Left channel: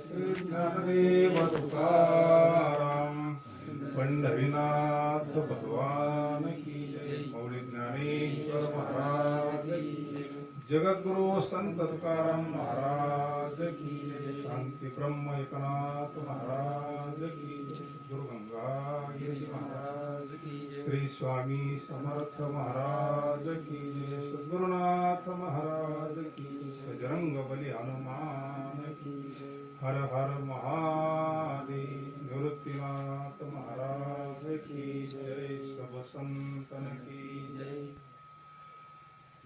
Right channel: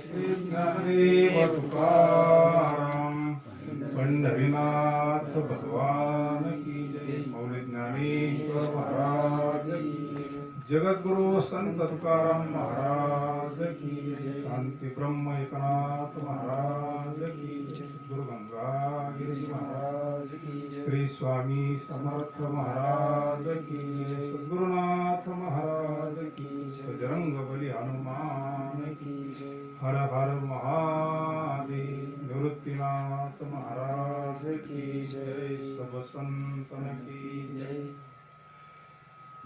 श्री ज्ञानदेव तुकाराम पंढरीनाथ भगवान की जय. मौली ज्ञानेश्वर महाराज की जय. जगद्गुरु संत तुकाराम महाराज की जय. शांती ब्रह्म एकनाथ महाराज की जय. गुरु गंगागिरी महाराज की जय. श्री स्वामी समर्थ महाराज की जय. सद्गुरुनाथ महाराज की जय. बजरंग बली हनुमान की जय. हर हर महादेव. निवृत्तीनाथ महाराज की जय. सब संतन की जय.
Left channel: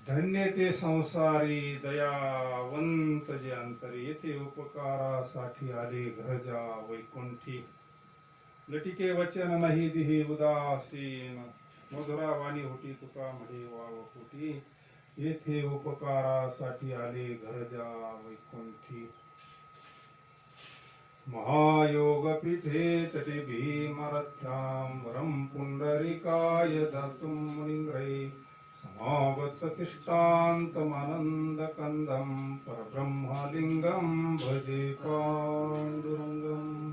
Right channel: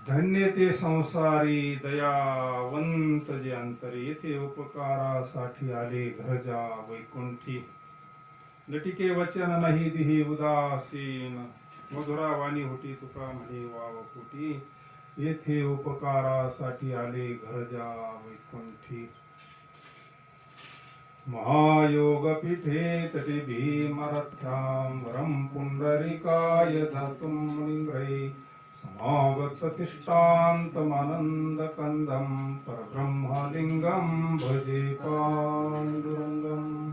धन्य ते संसारी दयावंत जे अंतरी. येथे उपकारासाठी आले घरजा वैकुंठी. लटिके वचन नाही दिही उदासीन. मधुरा वाणी होती तुका म्हणे वाव फुटी. येथे उपकारासाठी आले घरजा वैकुंठी. महायोग पीठे तटे भीमरथ्यां पुंडरीकाय दातुं मुनिंद्रै. समागततिष्ठान्तमानन्दकन्दं परब्रह्मलिङ्गं भजे पाण्डुरङ्गम्.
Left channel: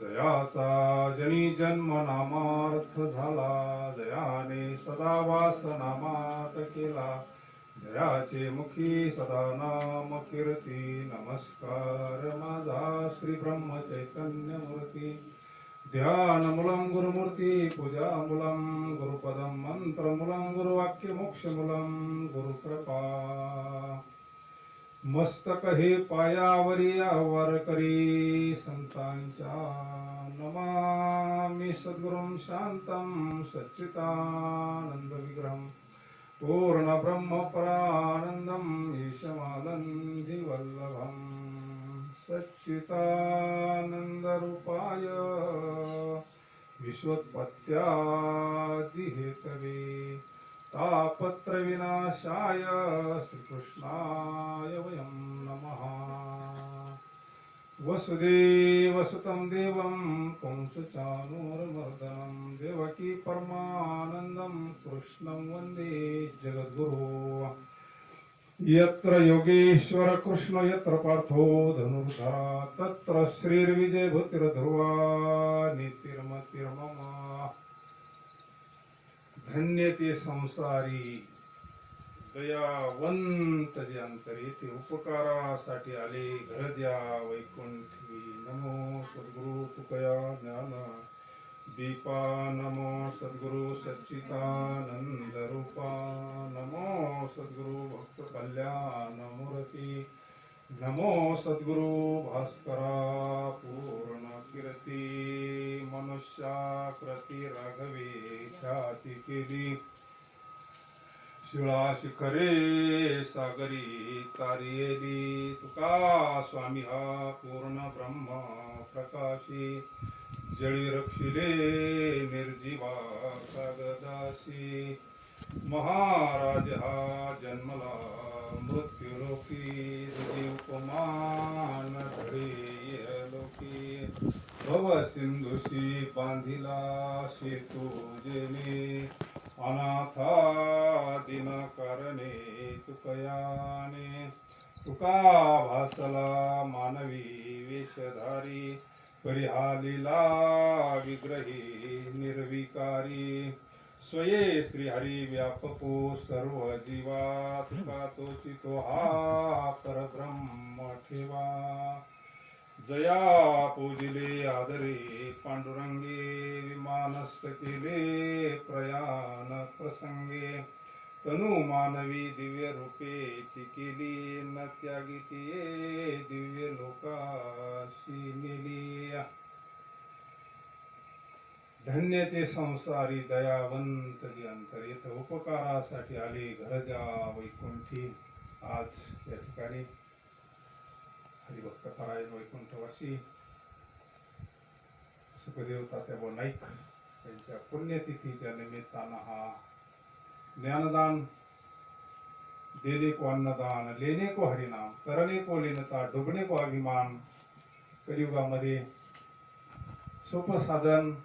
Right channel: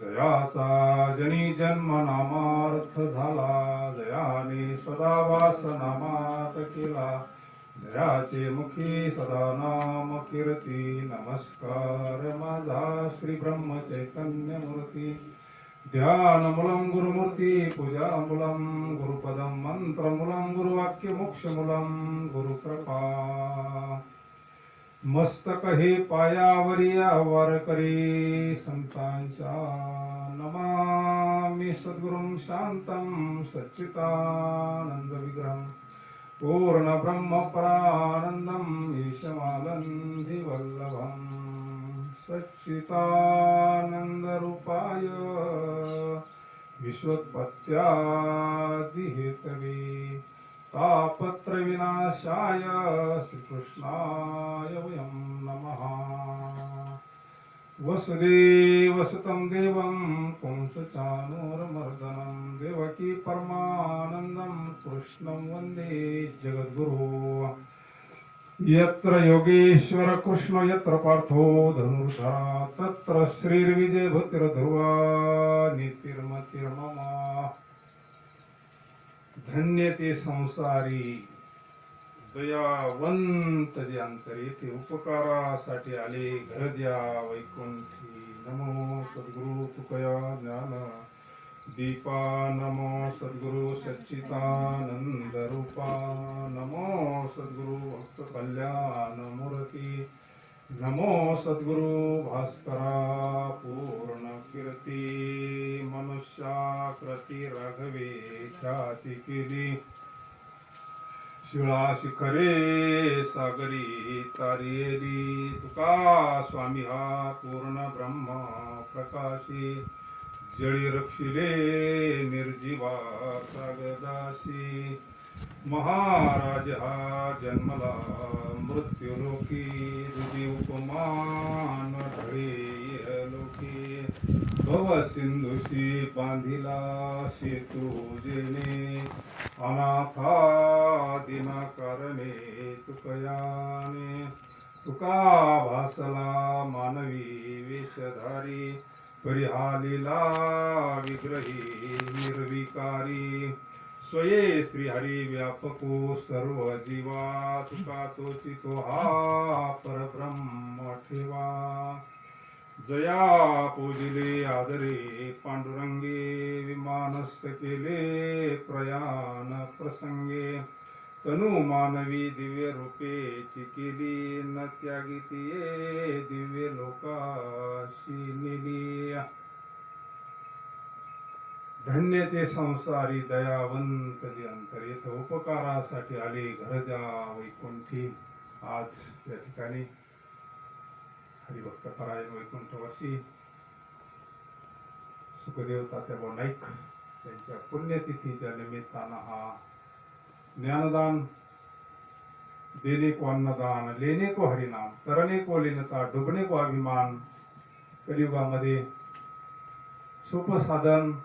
जयाचा जनी जन्म नामार्थ झाला. जयाने सदा वास नामात केला. जयाचे मुखी सदा नाम कीर्ती. नमस्कार माझा श्री ब्रह्म चैतन्य मूर्ती. ध्यानमूलं गुरुमूर्ती पूजामूलं गुरुपदं मंत्रमूलं गुरुवाक्यमोक्षमूलं गुरुकृपा. मस्तक हे पायावरी वारकरी संतांच्या. नमामि सद्गुरुं शांतं सच्चिदानंद विग्रहं. पूर्ण ब्रह्म परानंदं ईशमानंदी वल्लभं. सच्चिदानंद रूपाय विश्वोत्पत्त्यादि हेतवे. तापत्र विनाशाय श्रीकृष्णाय वयं नमः. वसुदेवसुतं देवं कंसचाणूरमर्दनं. देवकी परमानन्दं कृष्णं वन्दे जगद्गुरुं. यत्र योगेश्वर कृष्ण यत्र पार्थो धनुर्धरा. तत्र श्रीर्विजयभूतिर्ध्रुवा नीतिर्मतिर्मम. धन्य ते संसारी दयावंत जे अंतर. येथे उपकारासाठी आले घरद्या वैकुंठी. नमो सद्गुरु तुकया ज्ञान दीपा. नमो सद्गुरु सच्चिदानंद रूपा. नमो सद्गुरु भक्त कल्याण मूर्ती. नमो सद्गुरु भास्करा पूर्ण कीर्ती. मनुष्याकृती राघवे ख्याती केली. शिळा शिखरे सागरी तारियली. तुका स्वामी हा पूर्ण ब्रह्म प्रकाशी. जळी रक्षिले निर्जीवा सागदासी. महाराज हा जन्मला मृत्यूलोकी. तुझी उपमान ढळे लोकी. भव सिंधुशी बांधिला सेतू जेने. अनाथा दिना कारणे तुकयाने. तुका भासला मानवी वेशधारी. परिहालीला विग्रही निर्विकारी. स्वये श्रीहरी व्यापको सर्व जीवा. तुका तोची तो हा परब्रह्म ठेवा. जया पूजिले आदरे पांडुरंगे. विमानस्थ केले प्रयाण प्रसंगे. तनु मानवी दिव्य रूपेची केली. न त्यागी तिये दिव्य लोकाशी नेली. धन्य ते संसारी दयावंत जे अंतर. येथे उपकारासाठी आले घरजा वैकुंठी. आज या ठिकाणी हरिभक्त परायण वैकुंठवासी सुखदेव तात्याभाऊ नाईक यांच्या पुण्यतिथीच्या निमित्तानं हा ज्ञानदान, देने को अन्नदान, लेने को हरिनाम, करने को लीनता, डुबने को अभिमान. कलियुगामध्ये सोपं साधन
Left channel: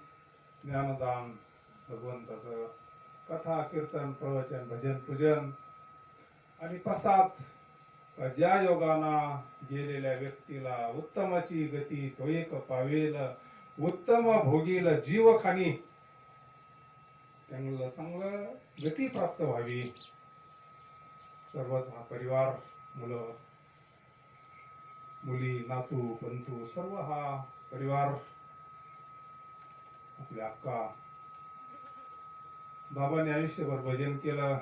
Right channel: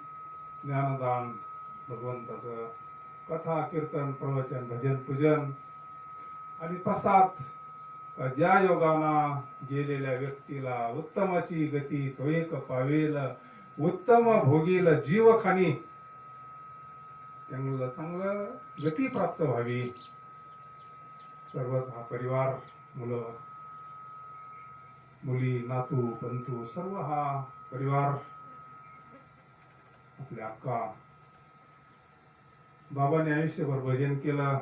ज्ञानदान, भगवंताचं कथा कीर्तन प्रवचन भजन पूजन आणि प्रसाद ज्या योगाना गेलेल्या व्यक्तीला उत्तमाची गती तो एक पावेल, उत्तम भोगील जीव खानी, त्यांना चांगलं गती प्राप्त व्हावी. सर्वच हा परिवार, मुलं मुली, नातू पंतू, सर्व हा परिवार, आपल्या अक्का, बाबांनी आयुष्यभर भजन केलं.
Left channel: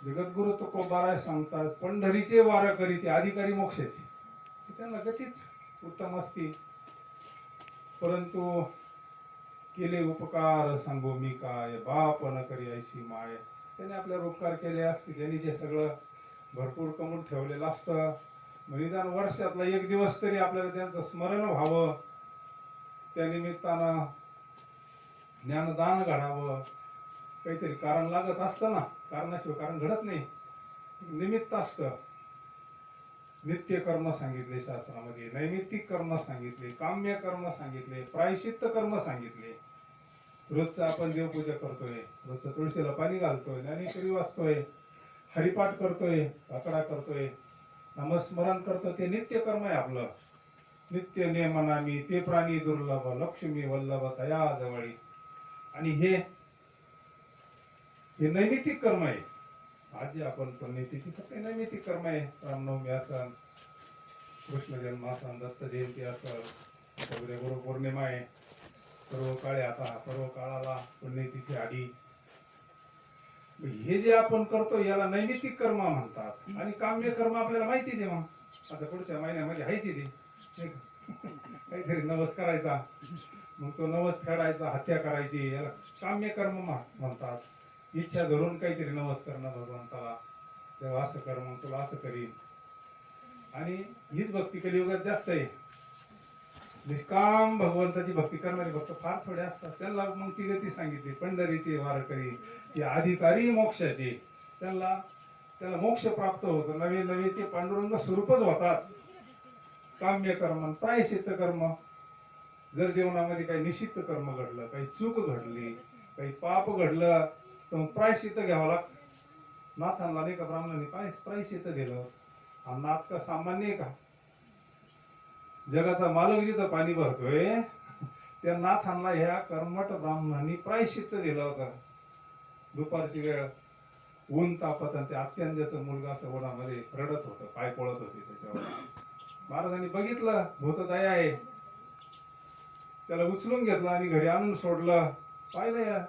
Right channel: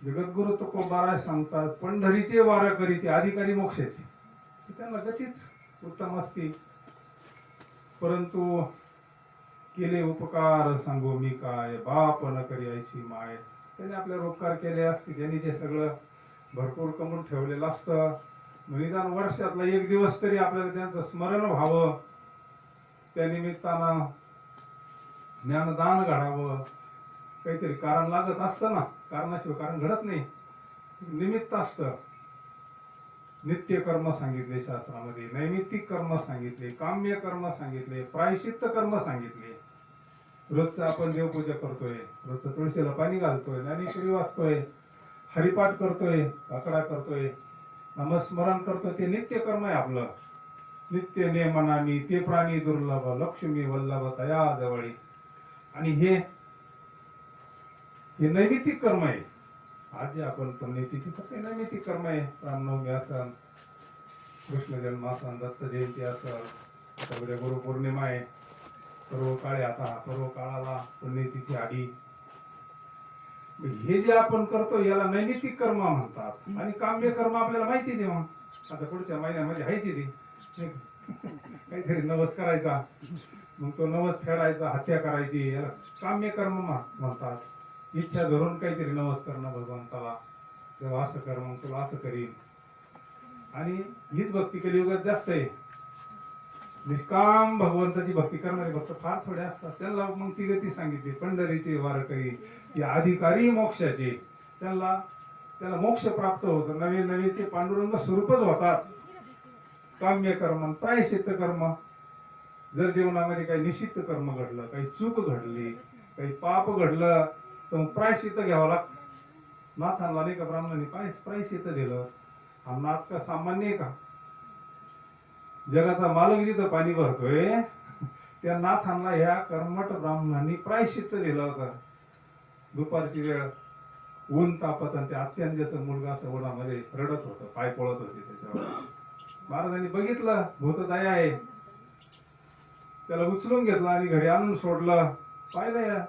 जगद्गुरु तुकोबाराय सांगतात, पंढरीचे वार करी ते अधिकारी मोक्षाचे, त्यांना गतीच उत्तम असते. परंतु केले उपकार सांगू मी काय, बाप न करी ऐशी माय. त्यांनी आपल्यावर उपकार केले असते, त्यांनी जे सगळं भरपूर कमवून ठेवलेलं असतं. निदान वर्षातला एक दिवस तरी आपल्याला त्यांचं स्मरण व्हावं, त्या निमित्तानं ज्ञानदान घडावं. काहीतरी कारण लागत असतं ना, कारणाशिवाय कारण घडत नाही, निमित्त असतं. नित्य कर्म सांगितले शास्त्रामध्ये, नैमित्तिक कर्म सांगितले, काम्य कर्म सांगितले, प्रायश्चित्त कर्म सांगितले. रोजचं आपण देवपूजा करतोय, रोजचं तुळशीला पाणी घालतोय, ज्ञानेश्वरी वाचतोय, हरिपाठ करतोय, आकडा करतोय, नामस्मरण करतोय, ते नित्य कर्म आहे आपलं. नित्य नेमनामी ते प्राणी दुर्लभ, लक्ष्मी वल्लभ तया जवळी. आणि हे नैमित्तिक कर्म आहे. आज जे आपण पुण्यतिथी फक्त नैमित्तिक कर्म आहे. रामनवमी असन, कृष्ण जन्म असन, दत्त जयंती असन, सगळे गुरुपौर्णिमा आहे, सर्व काळे आता सर्व काळाला पुण्यतिथी आली. हे जे आपण करतो याला नैमित्तिक कर्म म्हणतात. आणि काम्य कर्म आपल्याला माहितीच आहे. मग आता पुढच्या महिन्यामध्ये हायची ती काहीतरी नवस करायचा, मग तो नवस फेडायचा, हत्या करायची, याला काम्य कर्म म्हणतात. इच्छा धरून काहीतरी नवस करणं भगवंताला, तेव्हा असं कर, मग तुला असं करीन. आणि हीच भक्ती कलियुगात जास्त आहे. निष्काम भगवंताची भक्ती करणारे भक्त फार थोडे असतात. त्यांना मग ती गती सांगितली, पंढरीचे वारकरी ते अधिकारी मोक्षाचे, त्याला मोक्ष प्राप्त होतो. नवे नवे ते पांडुरंग स्वरूपच होतात. काम्य कर्म, प्रायश्चित्त कर्म, जर जीवनामध्ये काही निश्चित कर्म घडलं, काही चूक घडली, काही पाप घडलं, तर प्रायश्चित्त घ्यावं लागतं. नाथांना नाही का ब्राह्मणांनी प्रायश्चित्त दिलं. हा नाथ का सामान्य आहे का? जगाचा मालक जिथं पाणी भरतोय त्या नाथांना ह्या कर्मठ ब्राह्मणांनी प्रायश्चित्त दिलं होतं. दुपारची वेळ, ऊन तापत, आणि त्या अत्यंजाचा मुलगा असं उन्हामध्ये रडत होतं, पाय पळत होते त्याच्यावर. महाराजांनी बघितलं भूतदया आहे, त्याला उचलून घेतलं आणि घरी आणून सोडलं. पाहिलं या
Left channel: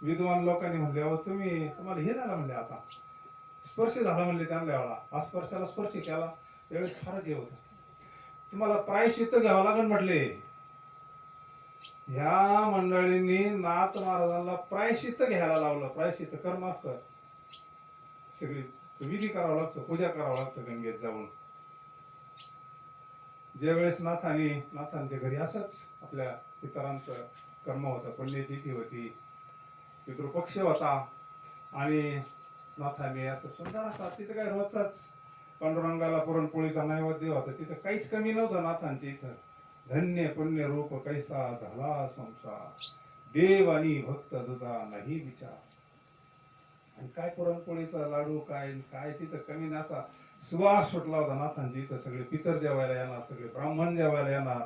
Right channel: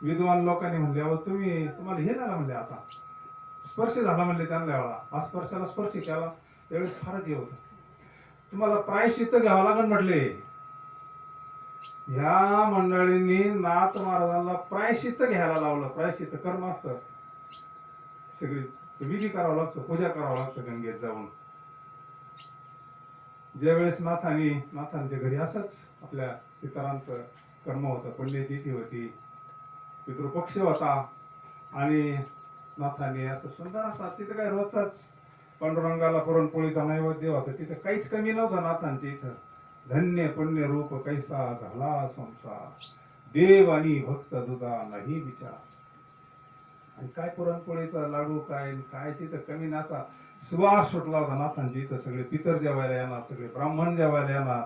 विद्वान लोकांनी म्हणले, अहो तुम्हाला हे झालं म्हणले, आता स्पर्श झाला म्हणले त्यांना. एवढा स्पर्शाला स्पर्श केला त्यावेळेस फारच हे होतं. तुम्हाला प्रायश्चित्त घ्यावं लागेल म्हटले. ह्या मंडळींनी नाथ महाराजांना प्रायश्चित्त घ्यायला लावलं. प्रायश्चित्त कर्म असतं, सगळी विधी करावा लागतो, पूजा करावं लागतं गंगेत जाऊन. ज्यावेळेस नाथांच्या घरी असंच आपल्या पितरांचं कर्म होतं, पुण्यतिथी होती, पितृपक्ष होता, आणि नाथांनी असं सुंदर असा, तिथे काय रोजचाच पांडुरंगाला पुरणपोळीचा नैवेद्य होता. तिथे काहीच कमी नव्हतं नाथांच्या इथं. धन्य पुण्य रूप कैसा झाला संसार, देव आणि भक्त दुधा नाही विचार. आणि काय पुरणपोळीचा लाडू, काय तिथं कमी नसा. सुवास सुटला होता नाथांची इथं. सगळे पितर जेवायला येणार, सगळे ब्राह्मण जेवायला येणार,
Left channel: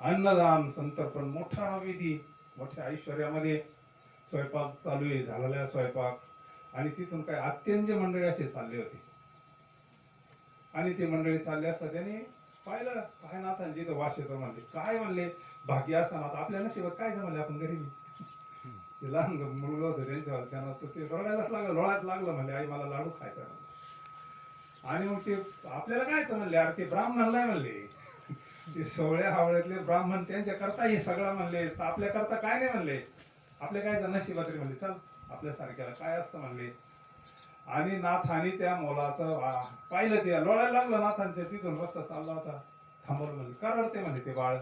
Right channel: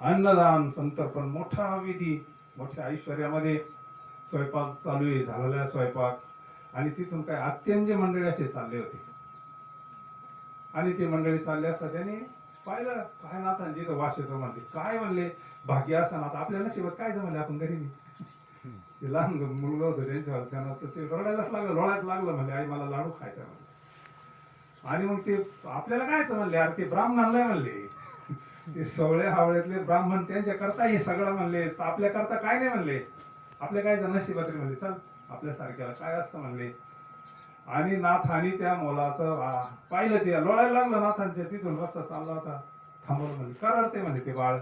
अन्नदान, संतर्पण, मोठा विधी, मोठ्या ऐश्वर्यामध्ये स्वयंपाक चालू आहे, झालेला स्वयंपाक. आणि तिथून काय अत्यंज मंडळी असे चालले होते. आणि ते मंडळी चालले असता त्यांनी पाहिलं, काय नाथांची इथं वास येतो म्हणले. काय म्हणले, भाग्य असताना आता आपल्या नशिबात काय जमले, आपण गरीबी. ते लहान मुलगा होतं त्यांच्यावर, त्यांना ते रडायलाच लागलं, लोळायला लागलं. म्हणले, आई मला लाडू खायचा म्हणले. आणि मग ते आपल्याला कायच म्हणले, अरे ते ब्राह्मणाला म्हणले, ते सवळे हावळ्यातले ब्राह्मण त्यांच्या करता हे सगळं म्हणले, तर आपल्या करता काय नाही म्हणले. आपल्या काय नशिबात रे म्हणले, चल आपल्यासारख्याला काय असतं म्हणले. आणि नाथांनी त्या मुलाचं पाहिलं, ते लोळायला लागलं नाथांच्या. तिथून रस्ता चालला होता, थांबवलं. म्हणजे करडते म्हणले ते बाळ,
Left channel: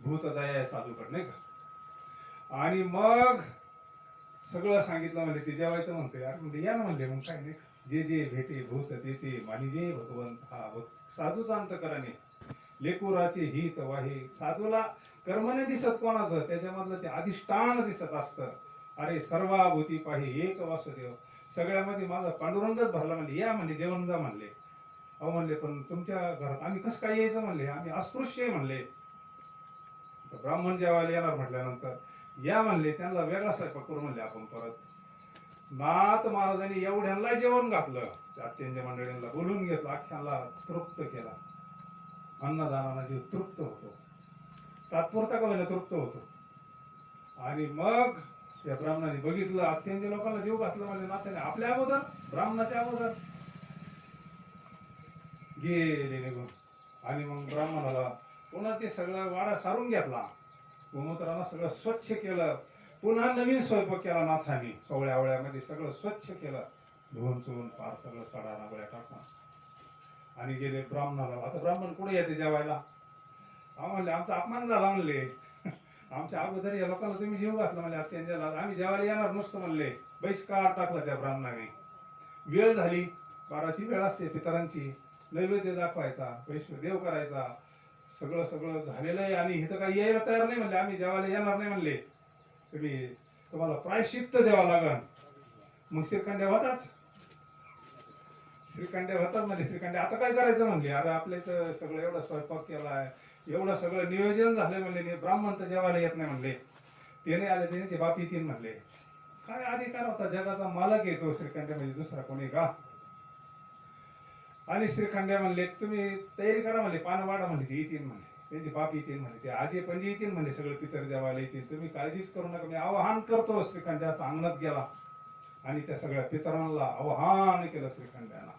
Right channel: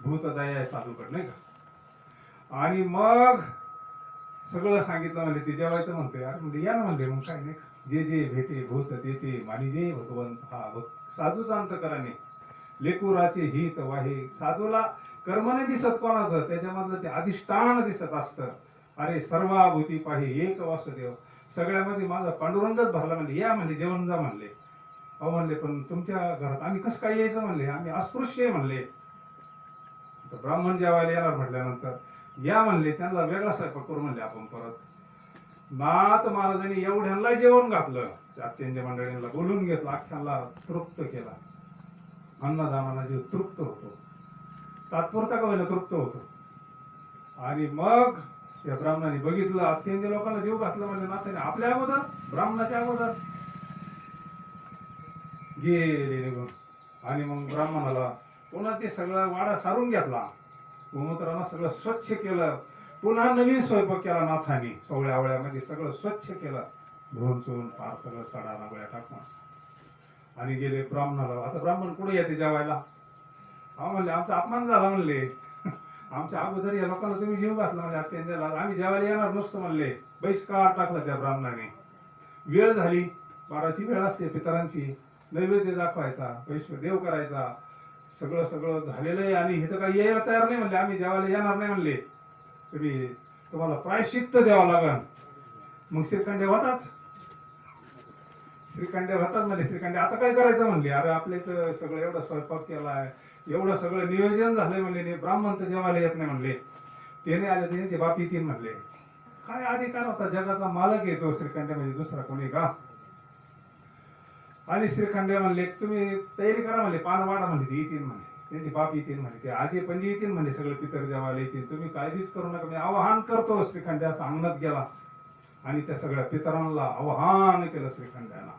भूतदया आहे साधूकड, नाही का. आणि मग सगळं सांगितलं. म्हणजे ते जेवायचं म्हणते. अरे म्हणजे या ना म्हणले, मग काय नाही, जे जे भेटे भूत देते मानी जे भगवंत हा साधूचा अंतकरणे लेकुराचे हित वाहे. साधूला कर्म नाही दिसत कोणाचं, त्याच्यामधलं ते अधिष्ठान दिसत असतं. अरे सर्वाभूती पाहि एक वासुदेव, सगळ्यामध्ये माझा पांडुरंगच भरला. म्हणले या म्हणले जेवण जा म्हणले. अहो म्हणले पण तुमच्या घरात आम्ही कसं काय यायचं म्हणले, आम्ही अस्पृश्य आहे म्हणले. तर ब्राह्मण जेवायला येणार म्हटल्यानंतर या म्हणले, त्यांना वेगळा स्वयंपाक करू म्हणले आपण परत. नाथ महाराजांनी एवढ्यांना जेवण घातलं, अत्यंत मंडळींना बोलून घेतलं, अख्ख्यांना तृप्त केला. अन्नदानाला जीव तृप्त होतो, तात्पुरता का होईना तृप्त होतो. आणि मग त्या ब्राह्मणाने बघितलं अत्यंत लोकांना जीव घातला म्हणजे नाथाने आपल्या अगोदर, ब्राह्मणाच्या अगोदर गेले निघून. आणि मग ब्राह्मणाला पुन्हा ते सगळं वाडा सारून घेतला, गोमूत्रानं सगळं स्वच्छ केलं, पुन्हा नवीन स्वयंपाक केला नाथाने. सोवळ्या आवळ्यामध्ये सगळं स्वच्छ केलं, धुवून चुवून पार सगळं सडा नागोळ्या टाकून. आणि गेले ब्राह्मणाला. आता ब्राह्मण कुठे येते जेवायला? म्हणले आमचा अपमान झाला म्हणले, आमच्या अगोदर या लोकांना तुम्ही जीव घातला म्हणले, अत्यंत आम्ही जेवायला येणार नसतो म्हणले. बहिष्कार टाकला त्या ब्राह्मणाने. वेळ झाली, 12ची वेळ असते पितरांची, नैवेद्य दाखवायचा, वैश्व देव करायचा, सगळं सगळं झालेलं आहे. आणि इथं काही यायला तयार नाही म्हणले, आम्ही जेवायला येणार नाही म्हणले, तुम्हाला प्रायश्चित्त द्यावं लागल. मग श्रीखंड्या होताच, श्रीखंड्या होतात म्हणले. श्रीखंड्या आता काय करायचं म्हणले, अरे आपल्या इथं सगळं एवढं स्वयंपाक केलाय, एवढं सगळं नियोजन झालंय म्हणले, ब्राह्मण तर जेवायला येत नाही म्हणले, त्याने आले त्यांचे बाप येतील म्हणले. काय अधिकार होता, जगाचा मालक येतो श्रीखंड्या म्हणजे दुसरा कोणी का? आणि श्रीखंड्या म्हणले तुम्ही तयारी करा म्हणले, पान वाडा म्हणले, ते येतील म्हणले, त्यांचे बाप येतील म्हणले, ते आजी पणजी येतील म्हणले, सगळे पितर जेवायला येतील, तुम्ही काळजीच करू नका, मी आवाहन करतो. श्रीखंड्या अंगणात गेला आणि त्या सगळ्या पितरांना आवाहन केलं श्रीखंड्यानं.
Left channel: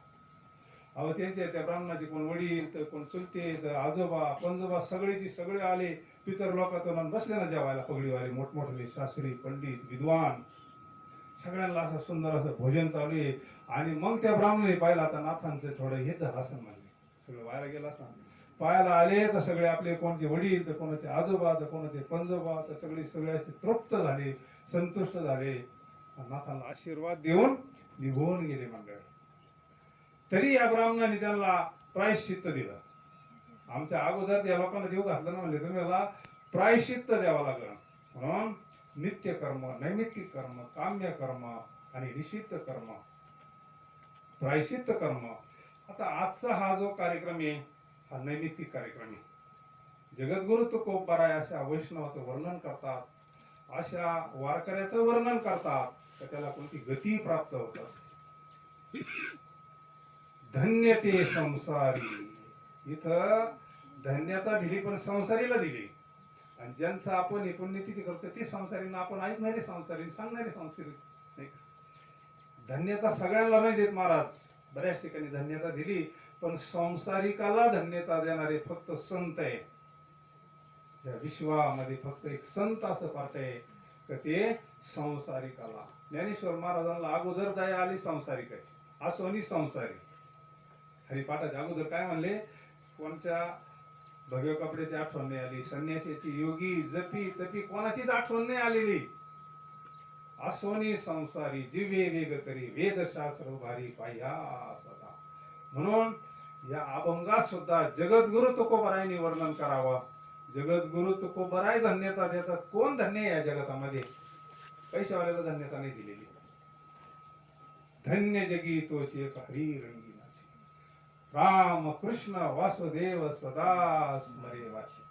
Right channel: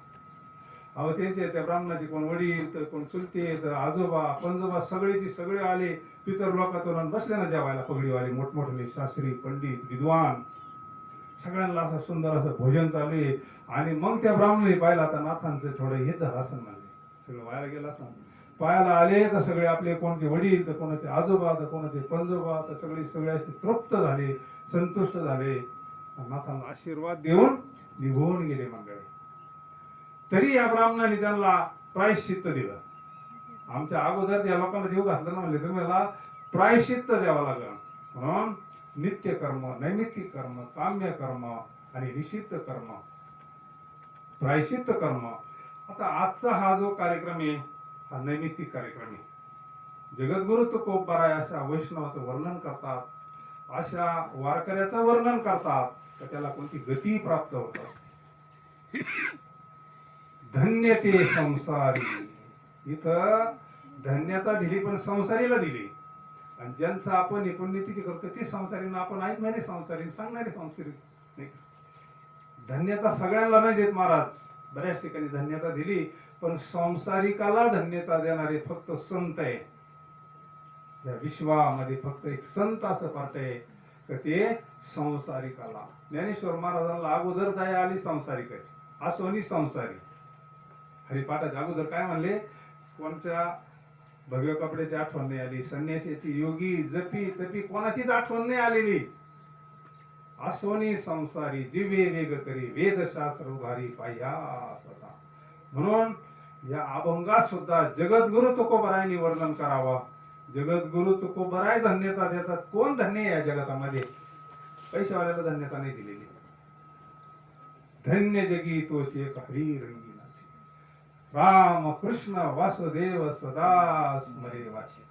अहो त्यांचे त्या ब्राह्मणाचे कोण वडील तर कोण चुलते तर आजोबा पंजोबा सगळेचे सगळे आले पितर लोकातून बसले ना जेवायला. पगडीवाले मोठमोठे शास्त्री पंडित विद्वान सगळ्यांना असं सुंदर असं भोजन चालू आहे. आणि मग त्या ब्राह्मणाने पाहिलं आता नाथांचं थोडं हे झालं असं म्हणले, सगळं वाया गेलं असं. पायाला आले तर सगळे आपले कोणाचे वडील तर कोणाचे आजोबा तर कोणाचे पंजोबा तर सगळे असे तृप्त झाले, संतुष्ट झाले, नाथांना आशीर्वाद देऊन निघून गेले मंडळी. तरी या ब्राह्मणाने त्यांना प्रायश्चित्त दिलं. आमच्या अगोदर या लोकांना जीव घातला ना म्हणले, तुम्हाला प्रायश्चित्त द्यावं लागलं. म्हणून नित्य कर्म, नैमित्तिक कर्म, काम्य कर्म आणि निषिद्ध कर्म, प्रायश्चित्त कर्म. आता आजचा हा जो कार्यक्रम आहे हा नैमित्तिक कार्यक्रम आहे. जगद्गुरु तुकोबाराय अशा वैष्णवाचं वर्णन करतात, अशा वारकऱ्याचं वर्णन करतात, तर त्याला कोणती गती प्राप्त होत असते. धन्य ते संसारी, इथं धन्यता दिली पण संसारीला दिली. आणि ज्यांचं आपण पुण्यतिथी करतो ते संसारींना आपण ऐकणारे संसारी, सांगणारे संसारी. धन्यता सगळ्यांना नाही देत महाराज, बऱ्याच ठिकाणी धन्यता दिली पण संसारिकाला धन्यता देणारे फक्त संत आहे. या विश्वामध्ये फक्त एक संत असं पार्ट आहे का ते संसारिकाला. ज्ञानेश्वर महाराजांना अगोदर दया आली संसारिकाची, असोनी संसारी. हरिपाठाच्या अगोदर काय म्हणले, कोणत्या भगव्या कपड्याची आठवण नाही आली, संन्यासीची योगी जपी तपी कोणाचीच आठवण नाही आलेली. असोनी संसारी जिवे वेग करी वेदशास्त्र उभारी पाह्या सदा. म्हणून या अभंगात सुद्धा जगद्गुरु तुकोबारायांनी वर्णन करावं. जगद्गुरु तुकोबाराय धन्यता देतात. कोण धन्य आहे या जगतामध्ये? पैशावाल्याला धन्यता नाही दिलेली. धन्य जगी तोचे हरी रंगी राम कृष्ण वासुदेव सदा स्मरे वाचे.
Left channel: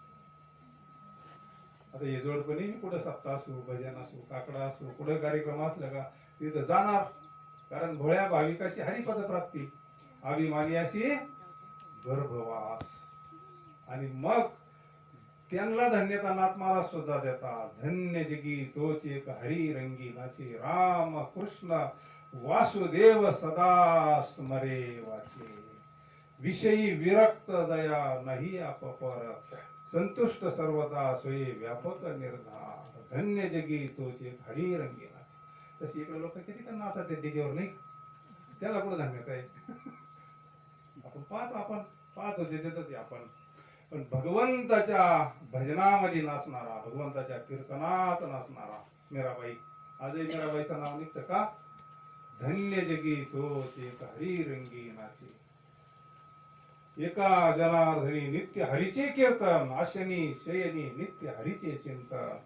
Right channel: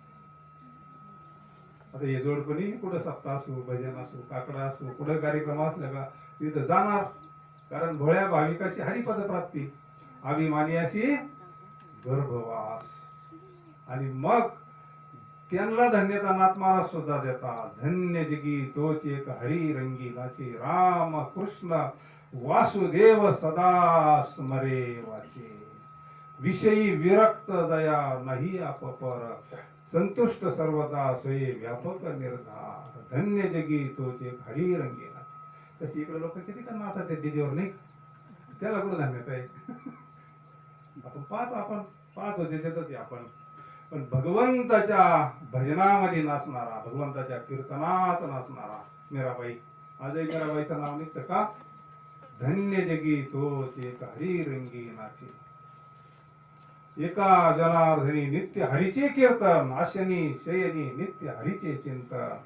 आता हे जोडपणी कुठं सप्ताह असू, भजन असू, काकडा असू, कुठं कार्यक्रम असला का तिथं जाणार. कारण भोळ्या भाविकाशी हरिपद प्राप्ती, अभिमानी अशी गर्भवास. आणि मग त्यांना धन्यता नाथ महाराज सुद्धा देतात. धन्य जगी तोच एक हरी रंगी नाचे राम कृष्ण वासुदेव सदा स्मरे वाचे. विषयी विरक्त दया नाही अपपर संतुष्ट सर्वदा सोये व्यापक निर्धार. धन्य जगी तोच एक हरी रंगी नाचे. तशी इकडे लोक किती का नाचतात त्या डीजेवर नाही, त्याला कुठं धन्यता आहे? आपण पाहतो त्याच्यातच आपण. पण भगवंताच्या भजनामध्ये नाचणारा, भगवंताच्या कीर्तनात नाचणारा मीराबाई, आजही मीराबाईचं नाव निघतं का? धन्य जगी तोच एक हरी रंगी नाचे. एका जनार्दनी नित्य हरीचे कीर्तन, आशनी शयनी नित्य हरीचे चिंतन.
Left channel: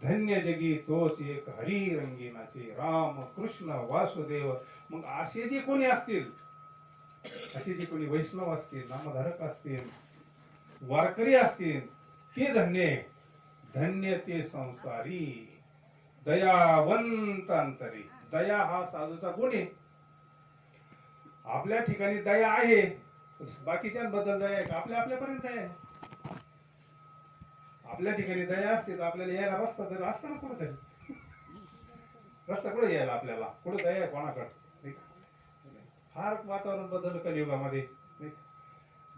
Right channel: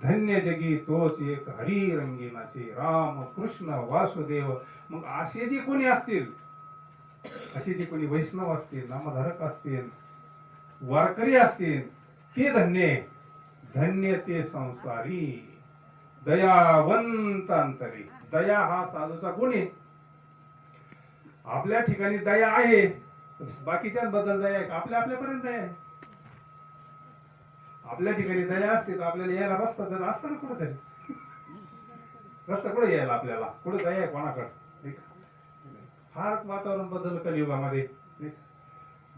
धन्य जगी तोच एक हरी रंगीनाचे राम कृष्ण वासुदेव. मग असे जे कोणी असतील, असे जे कोणी वैष्णव असतील, नामधारक असतील, वारकरी असतील, ते धन्य. धन्य ते संसारी दयावंत अंतरी. दया हा साधूचा गुण आहे. आपल्या ठिकाणी दया आहे, बाकीच्यांबद्दल दया आहे का? आपल्यापर्यंत दया आहे. आपल्या ठिकाणी दया असते तर आपल्याला यायला रस्ता तर असता ना कुठेतरी. रस्ता कुठे यायला आपल्याला? कुठे दया आहे कोणाकडे? फार वातावरण बदललं कलियुगामध्ये.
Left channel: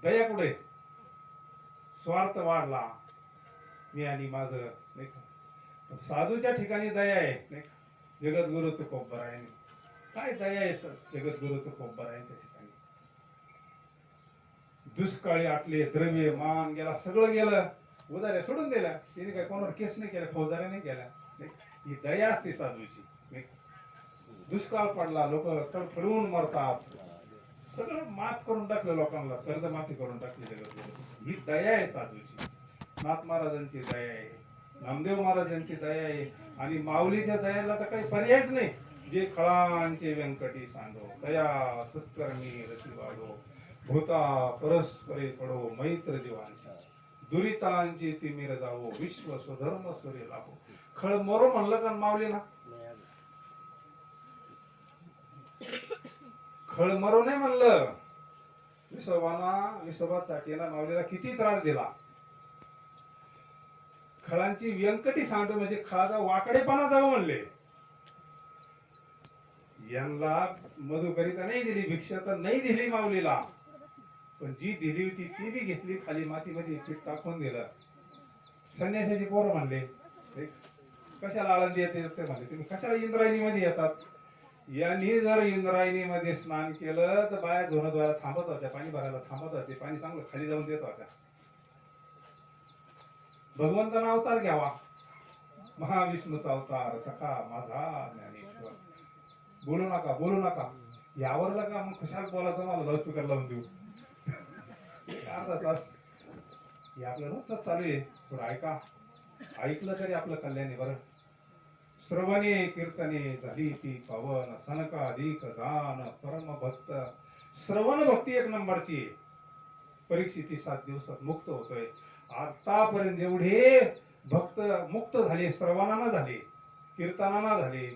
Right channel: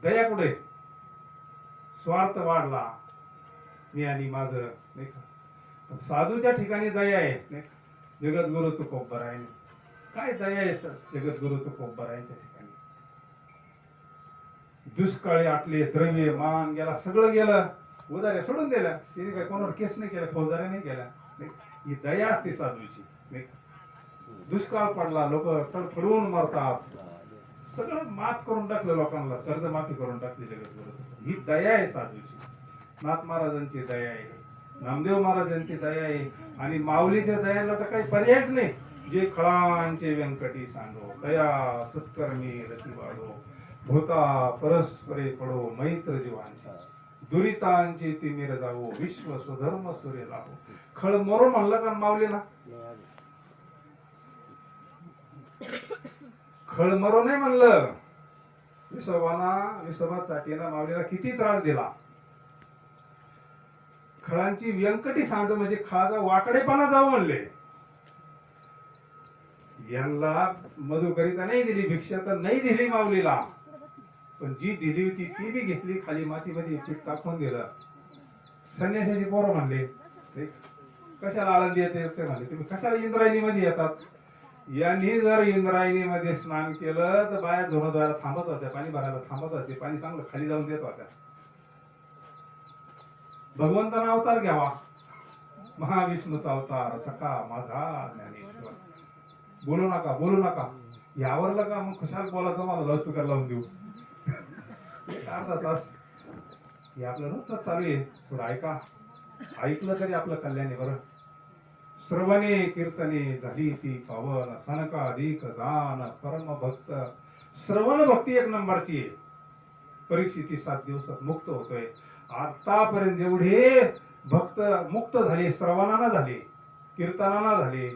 दया कुठे? स्वार्थ वाढला, मी आणि माझं, नाही का? साधूच्या ठिकाणी दया आहे. जगद्गुरु तुकोबराय. काय दया आहे जगद्गुरु तुकोबरायांच्या ठिकाणी? दुष्काळी आटले, द्रव्य मान गेला, सगळं गेलं, उदाऱ्या सोडून दिल्या. तिने काय कोणावर केस नाही केला, फौजदाऱ्या नाही केल्या. ही दया असते साधूची. दुष्काळ पडला, लोक तडफडून मरतात, सगळं माफ करून टाकलं लोकांना, कर्जमाफी करून टाकली जगद्गुरु. ही दया आहे साधूची. नाथ महाराजांची दया आहे, नामदेव महाराजांची दया आहे. आणि माऊलीच्या दयाला तर काही पर्यायच नाही. जे खळांचे व्यंकटी सांगो, दया सत्कर्मी रती वाढो, भूता परस्परे पडो मैत्र जीवांचा, दुरितांची तिमिर जावो, विश्व स्वधर्म सूर्य लाभो. खळ मरो म्हणलं का माऊली ना? खळ मरो नाही म्हणलं. विसोबा चाटीला माऊलीला किती त्रास दिला. खळांची व्यंकटी सांगतो म्हणजे खळाचा वाकडेपणा जाऊ म्हणले. यांना मधुकरिता नाही दिली, भिक्षा तर नाही दिली माऊलीला, पण जी दिली होती ती बी घेतली, खाली मातीमध्ये पीठ टाकून दिलं. संन्यासाची पोरं म्हणले, कशाला आळंदी येते म्हणले, तुम्ही कशाला इंद्रायणी मध्ये येतात? यांनी जर इंद्रायणी मध्ये स्नान केलं तर बाया धुणं थांबत होत्या, पाणी भरायला थांबत होते, पाणी चांगलं खाली जाऊन देत होत्या. भगवंताना अवतार घ्यावा, महाविष्णूचा अवतार, सखा माझा ज्ञानेश्वर. बोलू नका, बोलू नका. यावरला का मग कशाला बोलायचं? मला लाऊडस्पीकर लावून देऊ. एक अर्धा तास हे आपलं रोजच चालू आहे. थोडं ऐका, ऐकलं तरी आपलं कल्याण आहे. बरं, श्रवणे कीर्तने झाली ती पावन, सनकाधिक दान परम भक्त. श्रवण भक्ती एक नंबरची आहे. परीक्षित 7 दिवसात मुक्त होतोय. आतापर्यंत एवढे भक्त मुक्त झाले, श्रवणाना झाले, कीर्तनाना झाले.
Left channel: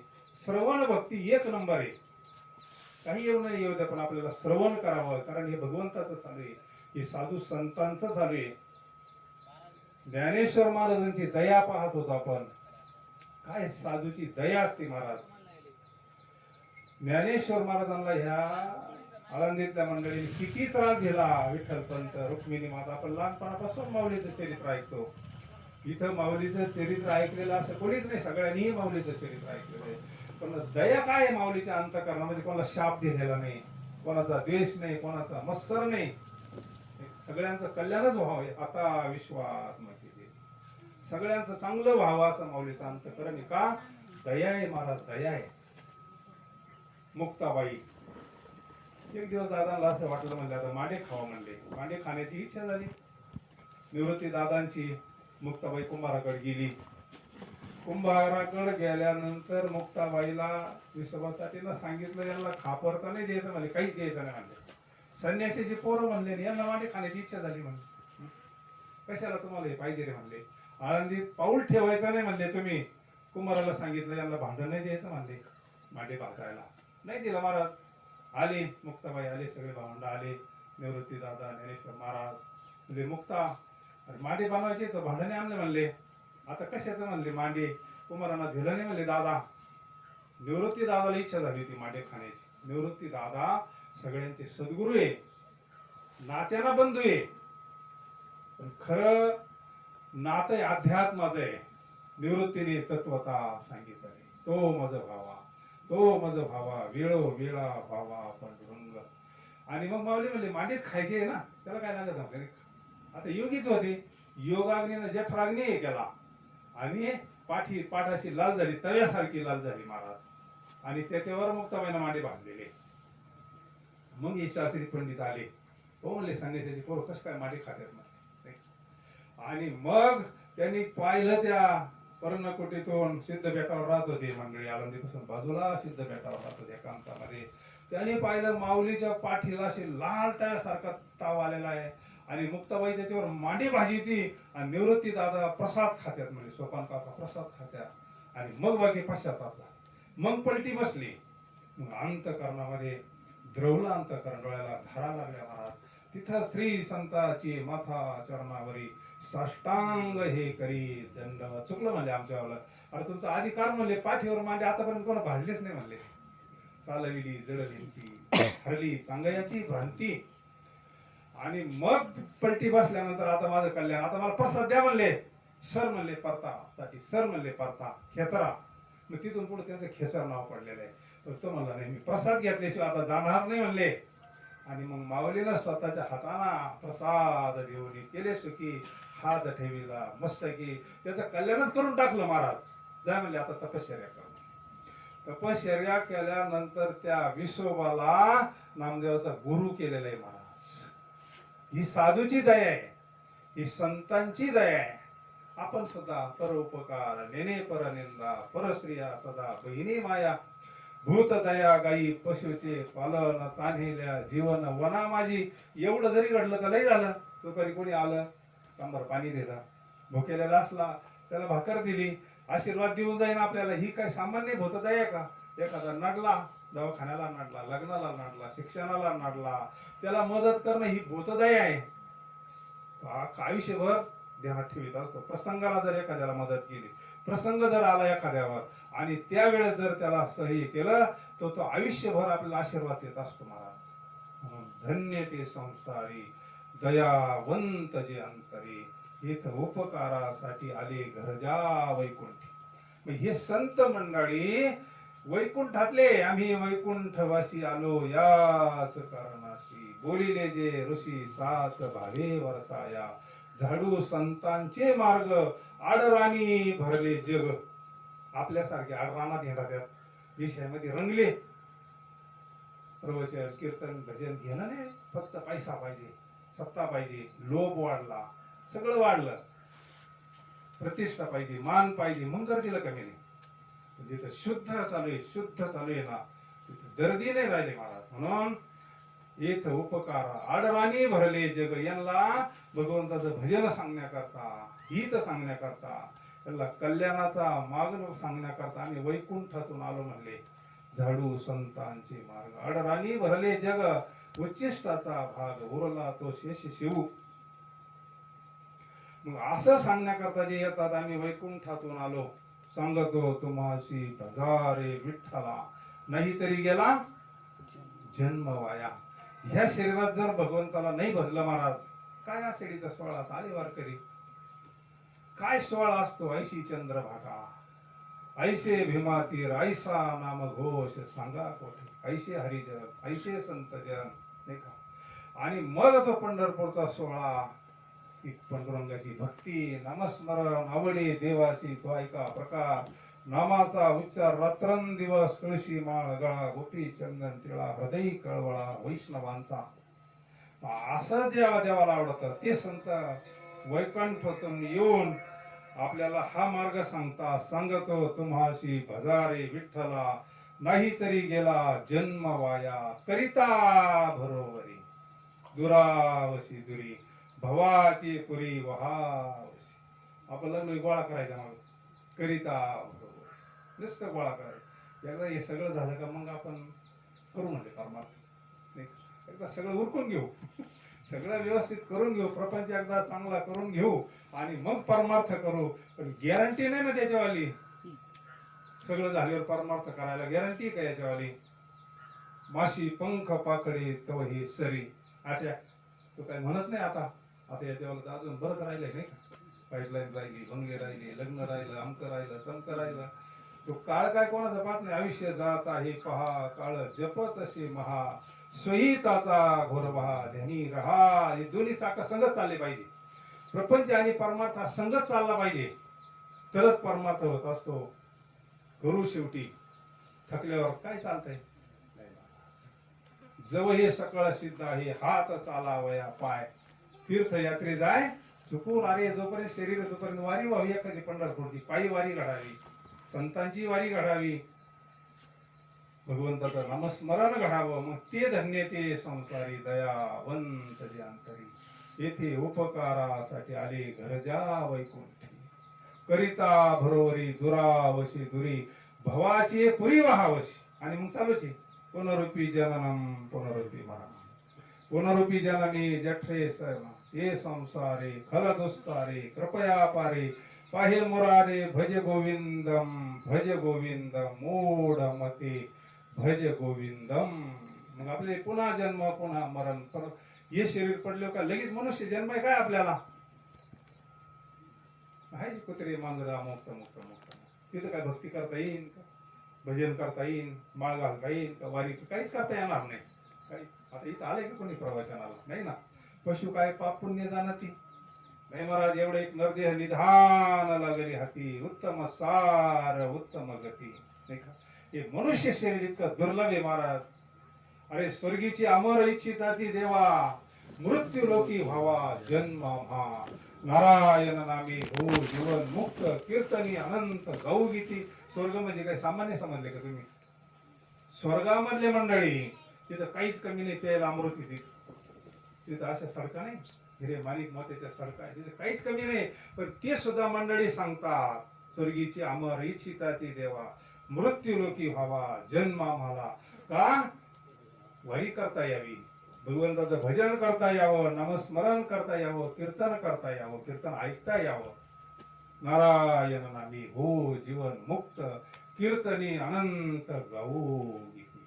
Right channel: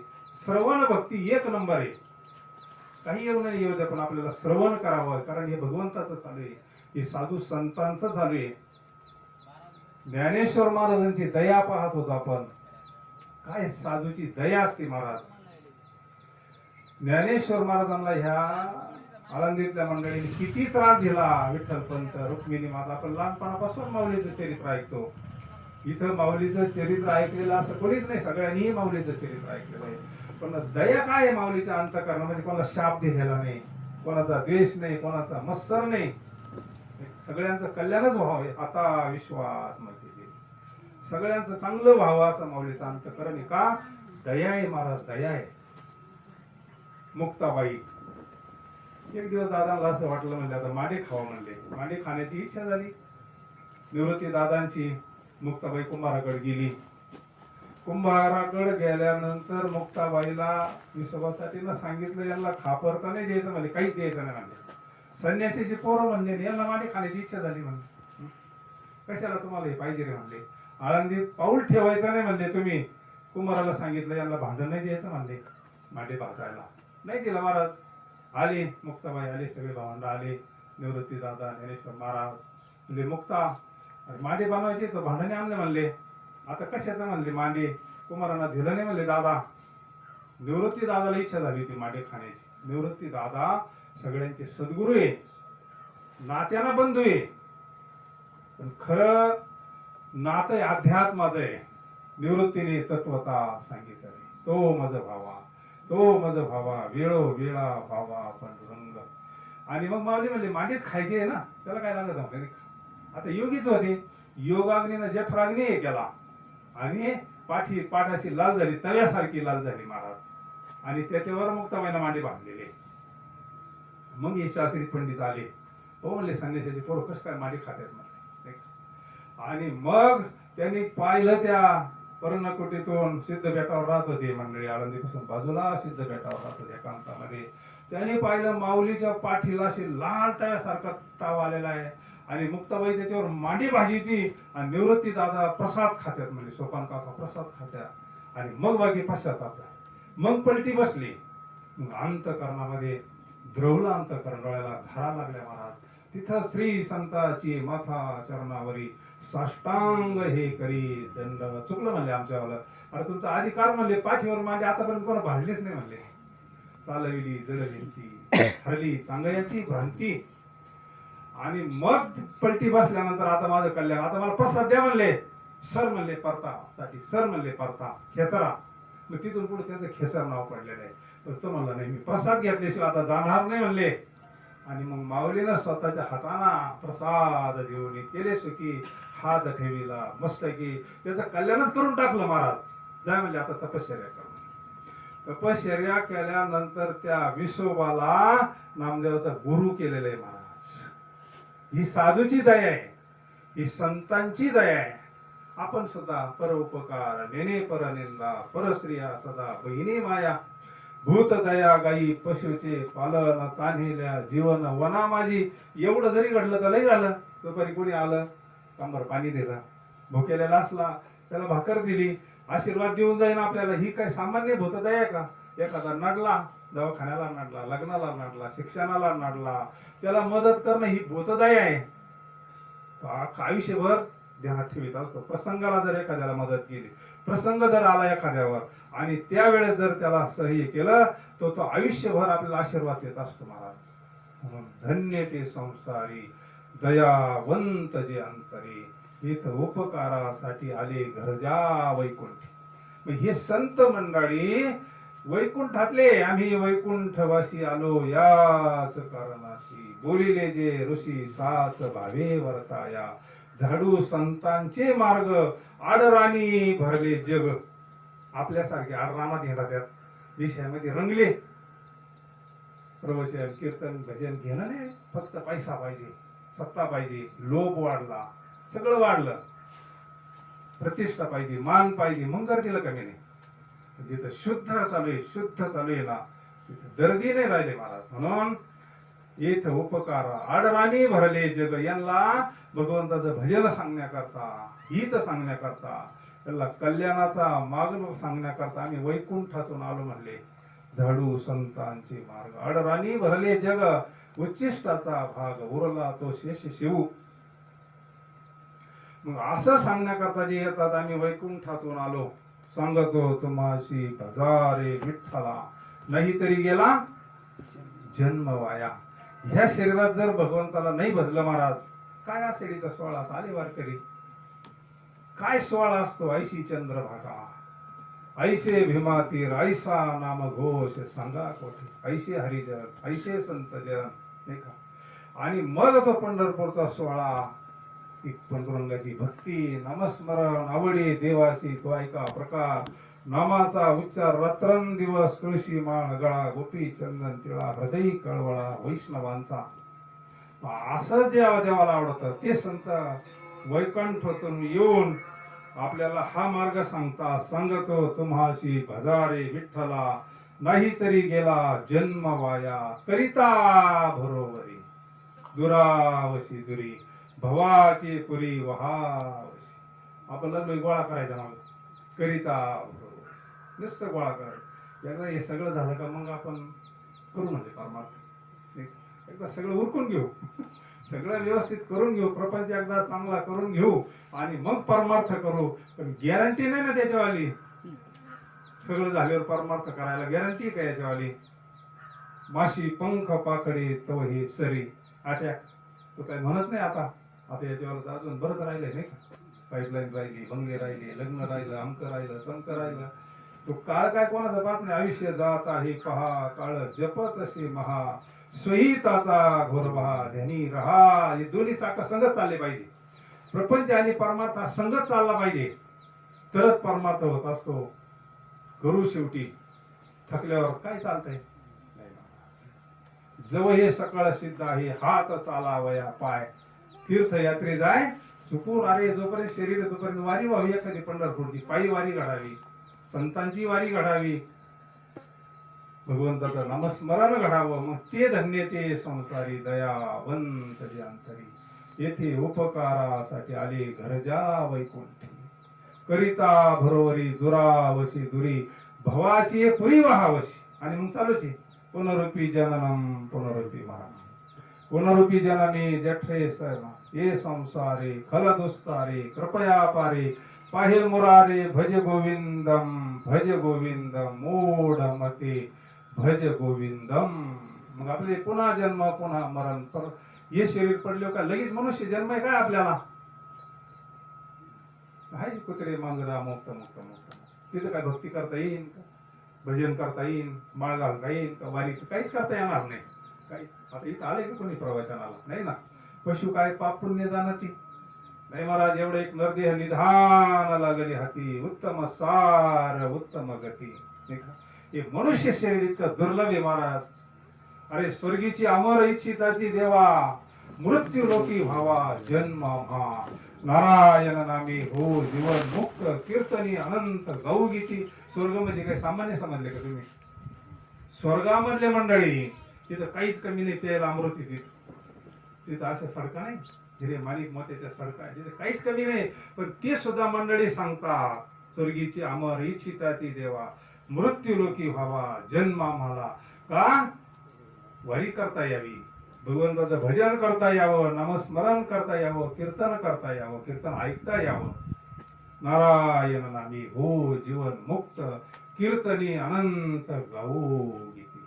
श्रवण भक्ती एक नंबर आहे. काही येऊ नाही येऊ द्या, पण आपल्याला श्रवण करावं, कारण हे भगवंताचं चालू आहे, हे साधू संतांचं चालू आहे. ज्ञानेश्वर महाराजांची दया पाहत होतो आपण. काय साधूची दया असते महाराज. ज्ञानेश्वर महाराजांना ह्या आळंदीतल्या मंडळीने किती त्रास दिला. विठ्ठलपंत, रुक्मिणी माता. आपण लहानपणापासून माऊलीचं चरित्र ऐकतो. इथं माऊलीचं चरित्र ऐकलेलं असं कोणीच नाही, सगळ्यांनी माऊलीचं चरित्र ऐकलेलं आहे. पण दया काय आहे माऊलीच्या अंतःकरणामध्ये? कोणाला शाप दिलेला नाही, कोणाचा द्वेष नाही, कोणाचा मत्सर नाही. सगळ्यांचं कल्याणच व्हावं आता विश्वात मध्ये, सगळ्यांचं चांगलं व्हावं असं माऊलीचं अंतःकरण आहे. का? दया आहे महाराज, दया आहे. मुक्ताबाई, एक दिवस दादांना असं वाटलं, म्हणजे आता मांडे खावा म्हणले. मांडे खाण्याची इच्छा झाली. निवृत्ती दादांची. मुक्ताबाई कुंभाराकडे गेली. कुंभाराकडे गेल्यानंतर मुक्ताबाईला विसोबासाठी सांगितलं, यांना खापरता नाही द्यायचं म्हणले, काहीच द्यायचं नाही म्हणले. संन्यासीची पोरं म्हणले, यांना मांडे खाण्याची इच्छा झाली म्हणले. कशाला तुम्हाला हे पाहिजे रे म्हणले. आळंदीत पाऊल ठेवायचं नाही म्हणले तुम्ही. कुंभाराला सांगितलं, यांना भांडण नाही द्यायचं म्हणले मांडे भाजायला. नाही दिला महाराज. आले मुक्ताबाई, आले सगळे भावंड आले, निवृत्ती दादा, ज्ञानेश्वर महाराज म्हणजे मुक्ता मांडे बनवायचे तर भांडणे आणले म्हणले. आता कशाचं म्हणले मांडे? कुमारांना दिलं नाही म्हणले दादा. निवृत्ती दादाला इच्छा झाली होती मांडे खाण्याची. निवृत्ती दादा सगळ्यांचे सद्गुरू आहे, नात्याना बंधू आहे, पण खरं नातं अध्यात्माचं आहे. निवृत्तीने तत्वता सांगितलं, तो मज भावा, तो मज भावा, वेळो वेळा भावा पांडुरंग. आणि मग माऊली म्हणले, मांडेच खायचे आहे ना, त्याला काय लागत नव्हतं. आता योगीच होते. योगाग्नीनं जठराग्नी केला आणि पाठाशी लाल झाली, तव्यासारखी लाल झाली महाराज. आणि त्याच्यावर मुक्ताबाईनं मांडे बांधलेले. मग हे शास्त्री पंडित आले. हो म्हणले, संन्यासाचे पोरं कसं काय मांडे खात्यात म्हणले. आणि मग त्यांनी पाहिलं त्या पर्णकुटीतून सिद्ध बेटावर राहत होते मंडळी, आळंदीपासून बाजूला सिद्ध बेटावर राहत होते एकांतामध्ये. त्याने पाहिलं माऊलीच्या पाठीला अशी लाल तव्यासारखा ताव आलेला आहे आणि मुक्ताबाई त्याच्यावर मांडी भाजीती आणि निवृत्ती दादा प्रसाद खात्यात, म्हणजे सोपान काका प्रसाद खात्यात. आणि मग बाकी पश्चाताप झाला, मग पलटी बसली. मग अंतकरणामध्ये द्रवलं, अंतकरण डोळ्याला धारा लागल्या महाराज. तिथं श्री संताची माथा चरणावरी साष्टांग हे करी दंड. चुकलं म्हणले आमच्यावाला, अरे तुमचा अधिकार म्हणले पाठीवर मांडी आतापर्यंत कोणा भाजलीच नाही म्हणले. चालविली जडली ती हरली सांगायची भ्रांती. आणि मग पलटी बसल्यानंतर आता माझं कल्याण, आता मला प्रसाद द्या म्हणले. सर म्हणले परता साठी, सर म्हणले परता खेचरा. मग तिथून पुढे त्याचं खेचर नाव पडलेलं आहे. तर तो म्हणला नाही मी प्रसाद घेतल्याशिवाय आता जाणार नाही म्हणले. आणि मग माऊलीनं स्वतःच्या हाताना प्रसाद घेऊन केले सुखी हात ठेवीला मस्तकी. त्याचं कल्याणच करून टाकलं महाराज. जाय म्हणले आता तपश्चर्या कर. तपश्चर्या केल्यानंतर त्या विसोबाला नामदेवाचा गुरु केलेला आहे महाराज. ही साधूची दया आहे, ही संतांची दया आहे. आपण सुद्धा परोपकार नेने परनिंदा परश्रिया सदा बहिणी माया. भूत दया गाई पशुचे पालन तान्हिल्या जीवन वना माझी. एवढं जरी घडलं तर लई झालं. दुपारी कोणी आलं तांबर पाणी दिलं, भुकेलेला असला त्याला भाकर दिली, आशीर्वाद देऊन जाईन आपल्याला. ही काय सामान्य भूतदया आहे का? एखादा नडला, दवाखान्याला नडला, लग्नाला नडला, शिक्षणाला नडला, त्याला मदत करणं ही भूतदया आहे. आयुष्यभर ध्यानात ठेवित असतो. प्रसंगाला जर एखाद्याला मदत केली, प्रसंग जर आला एखाद्यावर आणि त्यावेळेस जर त्याला सही केलं तर तो आयुष्यभर आपल्याला आशीर्वाद देत असतो महाराज. धन्य ते संसारी दयावंत जे अंतरी. इथं उपकारासाठी आले घरजा वैकुंठी. मग हे संत मंडळी वैकुंठातले, आम्ही वैकुंठवासी आलो याच कारणाशी. बोलिले जे ऋषी साच भावे वर्ताया. झाडू संतांचे मार्ग आडराणी भरले जग. आपल्यासारखे आडरानात येतात, त्या विषयामध्ये रंगले. प्रवचन कीर्तन भजन घेणं नाही, फक्त पैसा पाहिजे, सत्ता पाहिजे, लोभ वाढला, सगळं वाढलं, प्रतिष्ठा पाहिजे, मान पाहिजे, मग गर्दीला कमी नाही. जिथं शुद्ध चालू आहे, शुद्ध चालू आहे ना, तिथं गर्दी नाही राहिले महाराज. म्हणून येथ उपकार आडराणी भरले जग. यांना भगवंताचं भजन सांगण्याकरता, हित सांगण्याकरता, त्याला कल्याणाचा मार्ग सांगण्याकरता आम्ही वैकुंठातून आलो म्हणले. झाडू संतांचे मार्ग आडराणी भरले जग. उच्चिष्टाचा भाग उरला तो शेष शिवू. मग असं सांगण्याकरता जे येतात, आम्ही वैकुंठातून आलो. सांगतो तुम्हाशी भजारे विठ्ठला, नाही तरी गेला जन्म वाया. ह्या शरीरात जर भगवंताला नाही भजलं महाराज, काय आषाढीचा सोहळा आले वारकरी, काय सोहळा असतो. ऐशी चंद्रभागा, ऐसे भीमातीर, ऐसा नाम घोष सांगा कोठे. ऐसे हरिजन, ऐसे संत जन, नाही का. आणि मग तो पंढरपूरचा सोहळा, पांडुरंगाची भक्ती, नामस्मरण, आवडे देवाशी तो ऐका प्रकार. नामाचा उच्चार रात्रंदिवस, तुळशी माळ गळा, गोपी चंदन तिळा, हृदय कळवळा वैष्णवांचा. असं देवाला आवडतं ते संत वैकुंठातून येऊन आपल्याला हा मार्ग सांगता. सांगतो तुम्हाशी भजारे विठ्ठला, नाही तरी गेला जन्म वाया. करिता बरोबरी दुरावशी दुरी, भवाची पुरी वहावशी. आपल्याला गोळा करायचा मग करिता बरोबर, नुसतं गोळा करायचं. एकदा हे सगळं झालं का मग आपण करू म्हणजे परमार्थ. एकदा सगळं उरकून घेऊ, सगळं व्यवस्थित करून घेऊ, प्रपंच एकदा चांगला करून घेऊ आणि मग परमार्थ करू. पण गॅरंटी नाही ना त्याच्यावाली. सगळं झाल्यावर परमार्थ करायला गॅरंटी काय याच्यावाली. माशी पंख पाकडे तव हे सरी आट्या, तो काय म्हणत नाही आता. आता याच्यावर अजून बरंच राहिलंय नाही का. पाईपलाईन राहिली, भंगे राहिले, लग्न राहिलं, अमक राहिलं, तमक राहिलं. तो काळ काय कोणाचा बात नाही. आयुष्य जात आहे पहा, काळ जपत असे महा, स्वहिताचा घोर बहा, ध्यानी रहा. हे दोन्ही चाका संगत चालले पाहिजे. प्रपंच आणि परमार्थ संगत चालला पाहिजे, तरच परमार्थ होत असतो. करू शेवटी थकल्यावर काय चालतंय. जव हे सकळ सिद्ध आहे, हात चालावया पाय. तीर्थयात्रे जाय चुकून अरे जोपर्यंत शरीर आहे तोपर्यंत वारी व्हावी, एखादी पंढरपूरची पायी वारी घडावी, संतांची वारी घडावी, भगवंताचं नामस्मरण घडावं, मग ते धन्य ते संसारी दयावंत जे अंतरी, येथे उपकारासाठी आले घरजा वैकुंठी, करिता भरोवरी दुरावशी दुरी, भवाची पुरी वहावशी. आणि मग चालूच आहे, पुनरुपी जननम पुनरुपी मरणम, पुनरुपी जननी जठरे सरणा, ये संसारे खल दुस्तारे कृपया पारे, पाहिल मुरारे भज गोविंदम, भज गोविंदम मूढ मते भज गोविंदम. मग आपले पुन्हा जन्म पुन्हा मरण, पर हे शरीर पडले का लगेच मनुष्य जन्म आहे काय आपल्याला? आहे कुत्रे मांजरा मुक्त मुक्त मुक्त. तिथं काय भक्ती करता येईल का, भजन करता येईल, माळ घालता येईल का, वारी काहीच करता येणार नाही. काही आता इथं आले की कोणी प्रवचनाला नाही ना. पशु काय पाप पुण्य जाणती नाही महाराज. एवढे एक नरदेह निधान लागली हाती, उत्तम सार उत्तम गती. हे मनुष्य शरीर इतकं दुर्लभ आहे महाराज. अरे स्वर्गीची अमर इच्छिता ती देवा, मृत्यू लोकी व्हावा जन्म हा, नारायण नामी हो जीवन मुक्त, कीर्तनी अनंत गाऊ गीती. स्वर्ग म्हणजे काही सामान्य समजले का तुम्ही? स्वर्गामधले मंडळी तिथं काहीच कमी नाही, तेल अमृत तिथं अशा सडका नाही, हिरे मालिक मोत्याच्या सडका तिथे काहीच कमी नाही. पण ते सुद्धा मंडळी सांगतात, स्वर्गीची अमर इच्छिता ती देवा, मृत्यू लोकी व्हावा जन्म आम्हाला. का? वारी करता यावी, भगवंताचं भजन करता यावं, नामस्मरण करता यावं, कीर्तन करता यावं, कीर्तन ऐकता यावं. नारायण नामी हो जीवन मुक्त, कीर्तनी अनंत गाऊ गीती.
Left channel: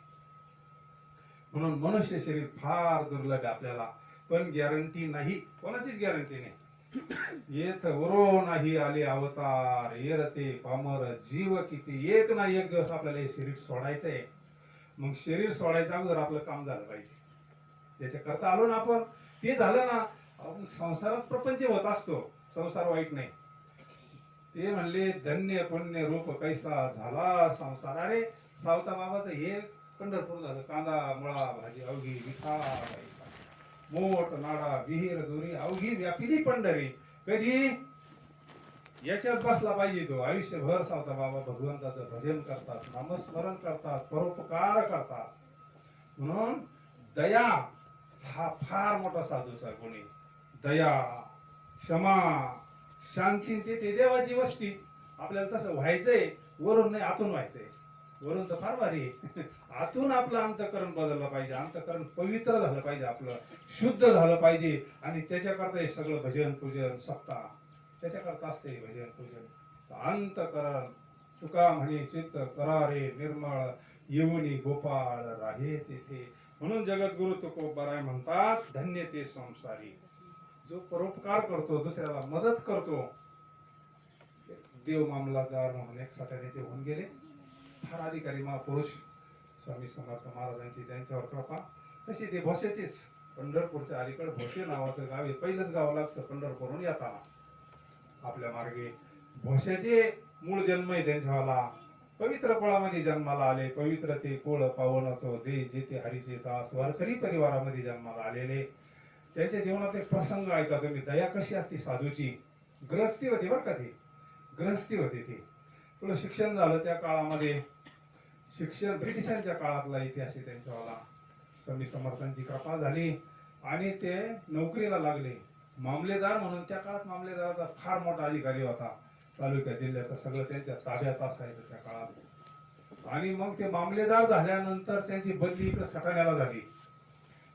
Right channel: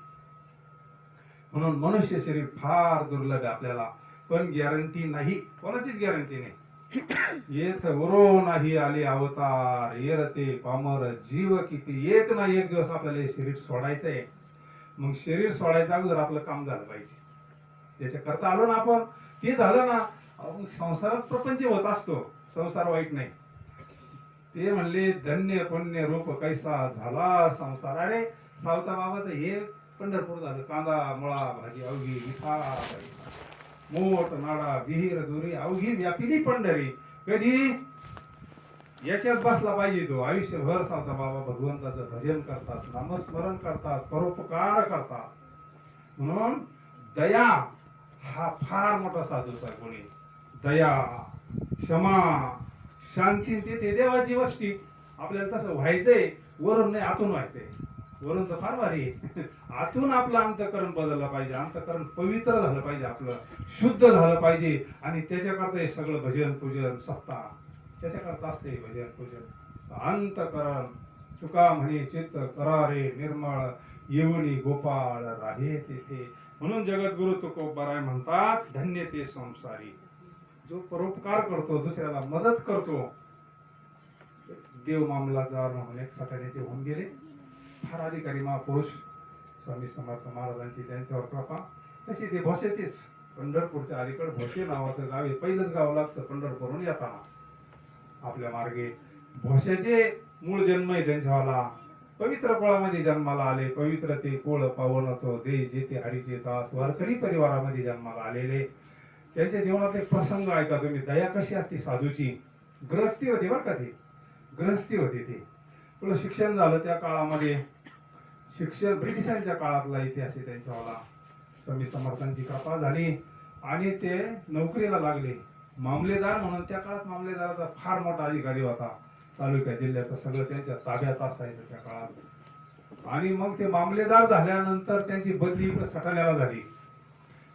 म्हणून मनुष्य शरीर फार दुर्लभ आहे आपल्याला, पण गॅरंटी नाही, कोणाचीच गॅरंटी नाही. येथ वरो नाही आले अवतार, येरते पामर जीव किती. एक ना एक दिवस आपल्याला हे शरीर सोडायचंय. मग शरीर सोडायचं अगोदर आपलं काम झालं पाहिजे. त्याच्या करता आलो ना आपण, ते झालं ना, संसारात प्रपंच होत असतो, संसार वाईट नाही. ते म्हणले धन्य पुण्य रूप कैसा झाला संसार. अरे सावता बाबाचं हे पंढरपूर झालं. कांदा मुळा भाजी अवघी विठा, मोठ नाडा विहीर दुरी अवघी व्यापिली पंढरी. कधी याच्यात बसला पाहिजे तो आयुष्यभर. सावता बाबा भगवंताचं भजन करतात, नामस्मरण करतात, परोपकार करतात. म्हणून दया हा फार मोठा साधूचा गुण आहे. दया, क्षमा, शांती ते देवाची वस्ती. आपल्याला तसं व्हायचंय, वरून नाही आतून व्हायचंय. वरून तर फार भारी आहे, आतून आपलं अंतःकरण बदललं पाहिजे, अंतःकरण पवित्र झालं पाहिजे, आपलं शुद्ध झालं पाहिजे. आणि त्याच्याकरता हे सगळं भजन पूजन सप्ताह त्याच्याकरता असते. भजन पूजन अंतःकरण. तुका म्हणे चित्त करारे निर्मळ, येऊनी गोपाळ राहे तेथे. म्हणून जगद्गुरु तुकोबाराय म्हणतात, धन्य ते संसारी जो परोपकार करतो, दुसऱ्याला मदत करतो. देव मामलादार म्हणून एक सटाण्याचे होऊन गेले, फार अधिकारी महापुरुष स्वामी समर्थ महाराजांची त्यांच्यावर कृपा. तशी ते भोसेचेच, पंढरपूरच्या अलीकडे भोसे नावाचं गाव आहे. पहिलंच गाव लागतं पंढरपूरहून येताना आपल्या मार्गे. भोसेचे मूळ जन्म आहे त्यांच्यावाला. पवित्र कुळामध्ये जन्माला आले, पवित्र ते कुळ पावन तो देश जेथे हरीचे दास, वारकरी परिवारामध्ये जन्माला आलेले. त्यांच्या जीवनात एक प्रसंग ऐका तुम्ही. दया कशी असते साधूची. ग्रहस्थी होती बरं का, ती ग्रहस्थी होती. ती पुढे शिक्षण झालं त्या काळामध्ये. शिक्षण ब्रिटिशांच्या काळातला इतिहास आहे त्यांच्यावाला. स्वामी समर्थांची कृपा झाली आणि ते नोकरीला लागले मामलेदार म्हणून. त्या काळात मामलेदाराचा फार मोठा अधिकारी होता, तालुक्या जिल्ह्याचं सगळं त्यांच्या ताब्यात असायचं त्या काळात. आणि मग ते मामलेदार झाल्यानंतर त्यांची बदली इकडे सटाण्याला झाली.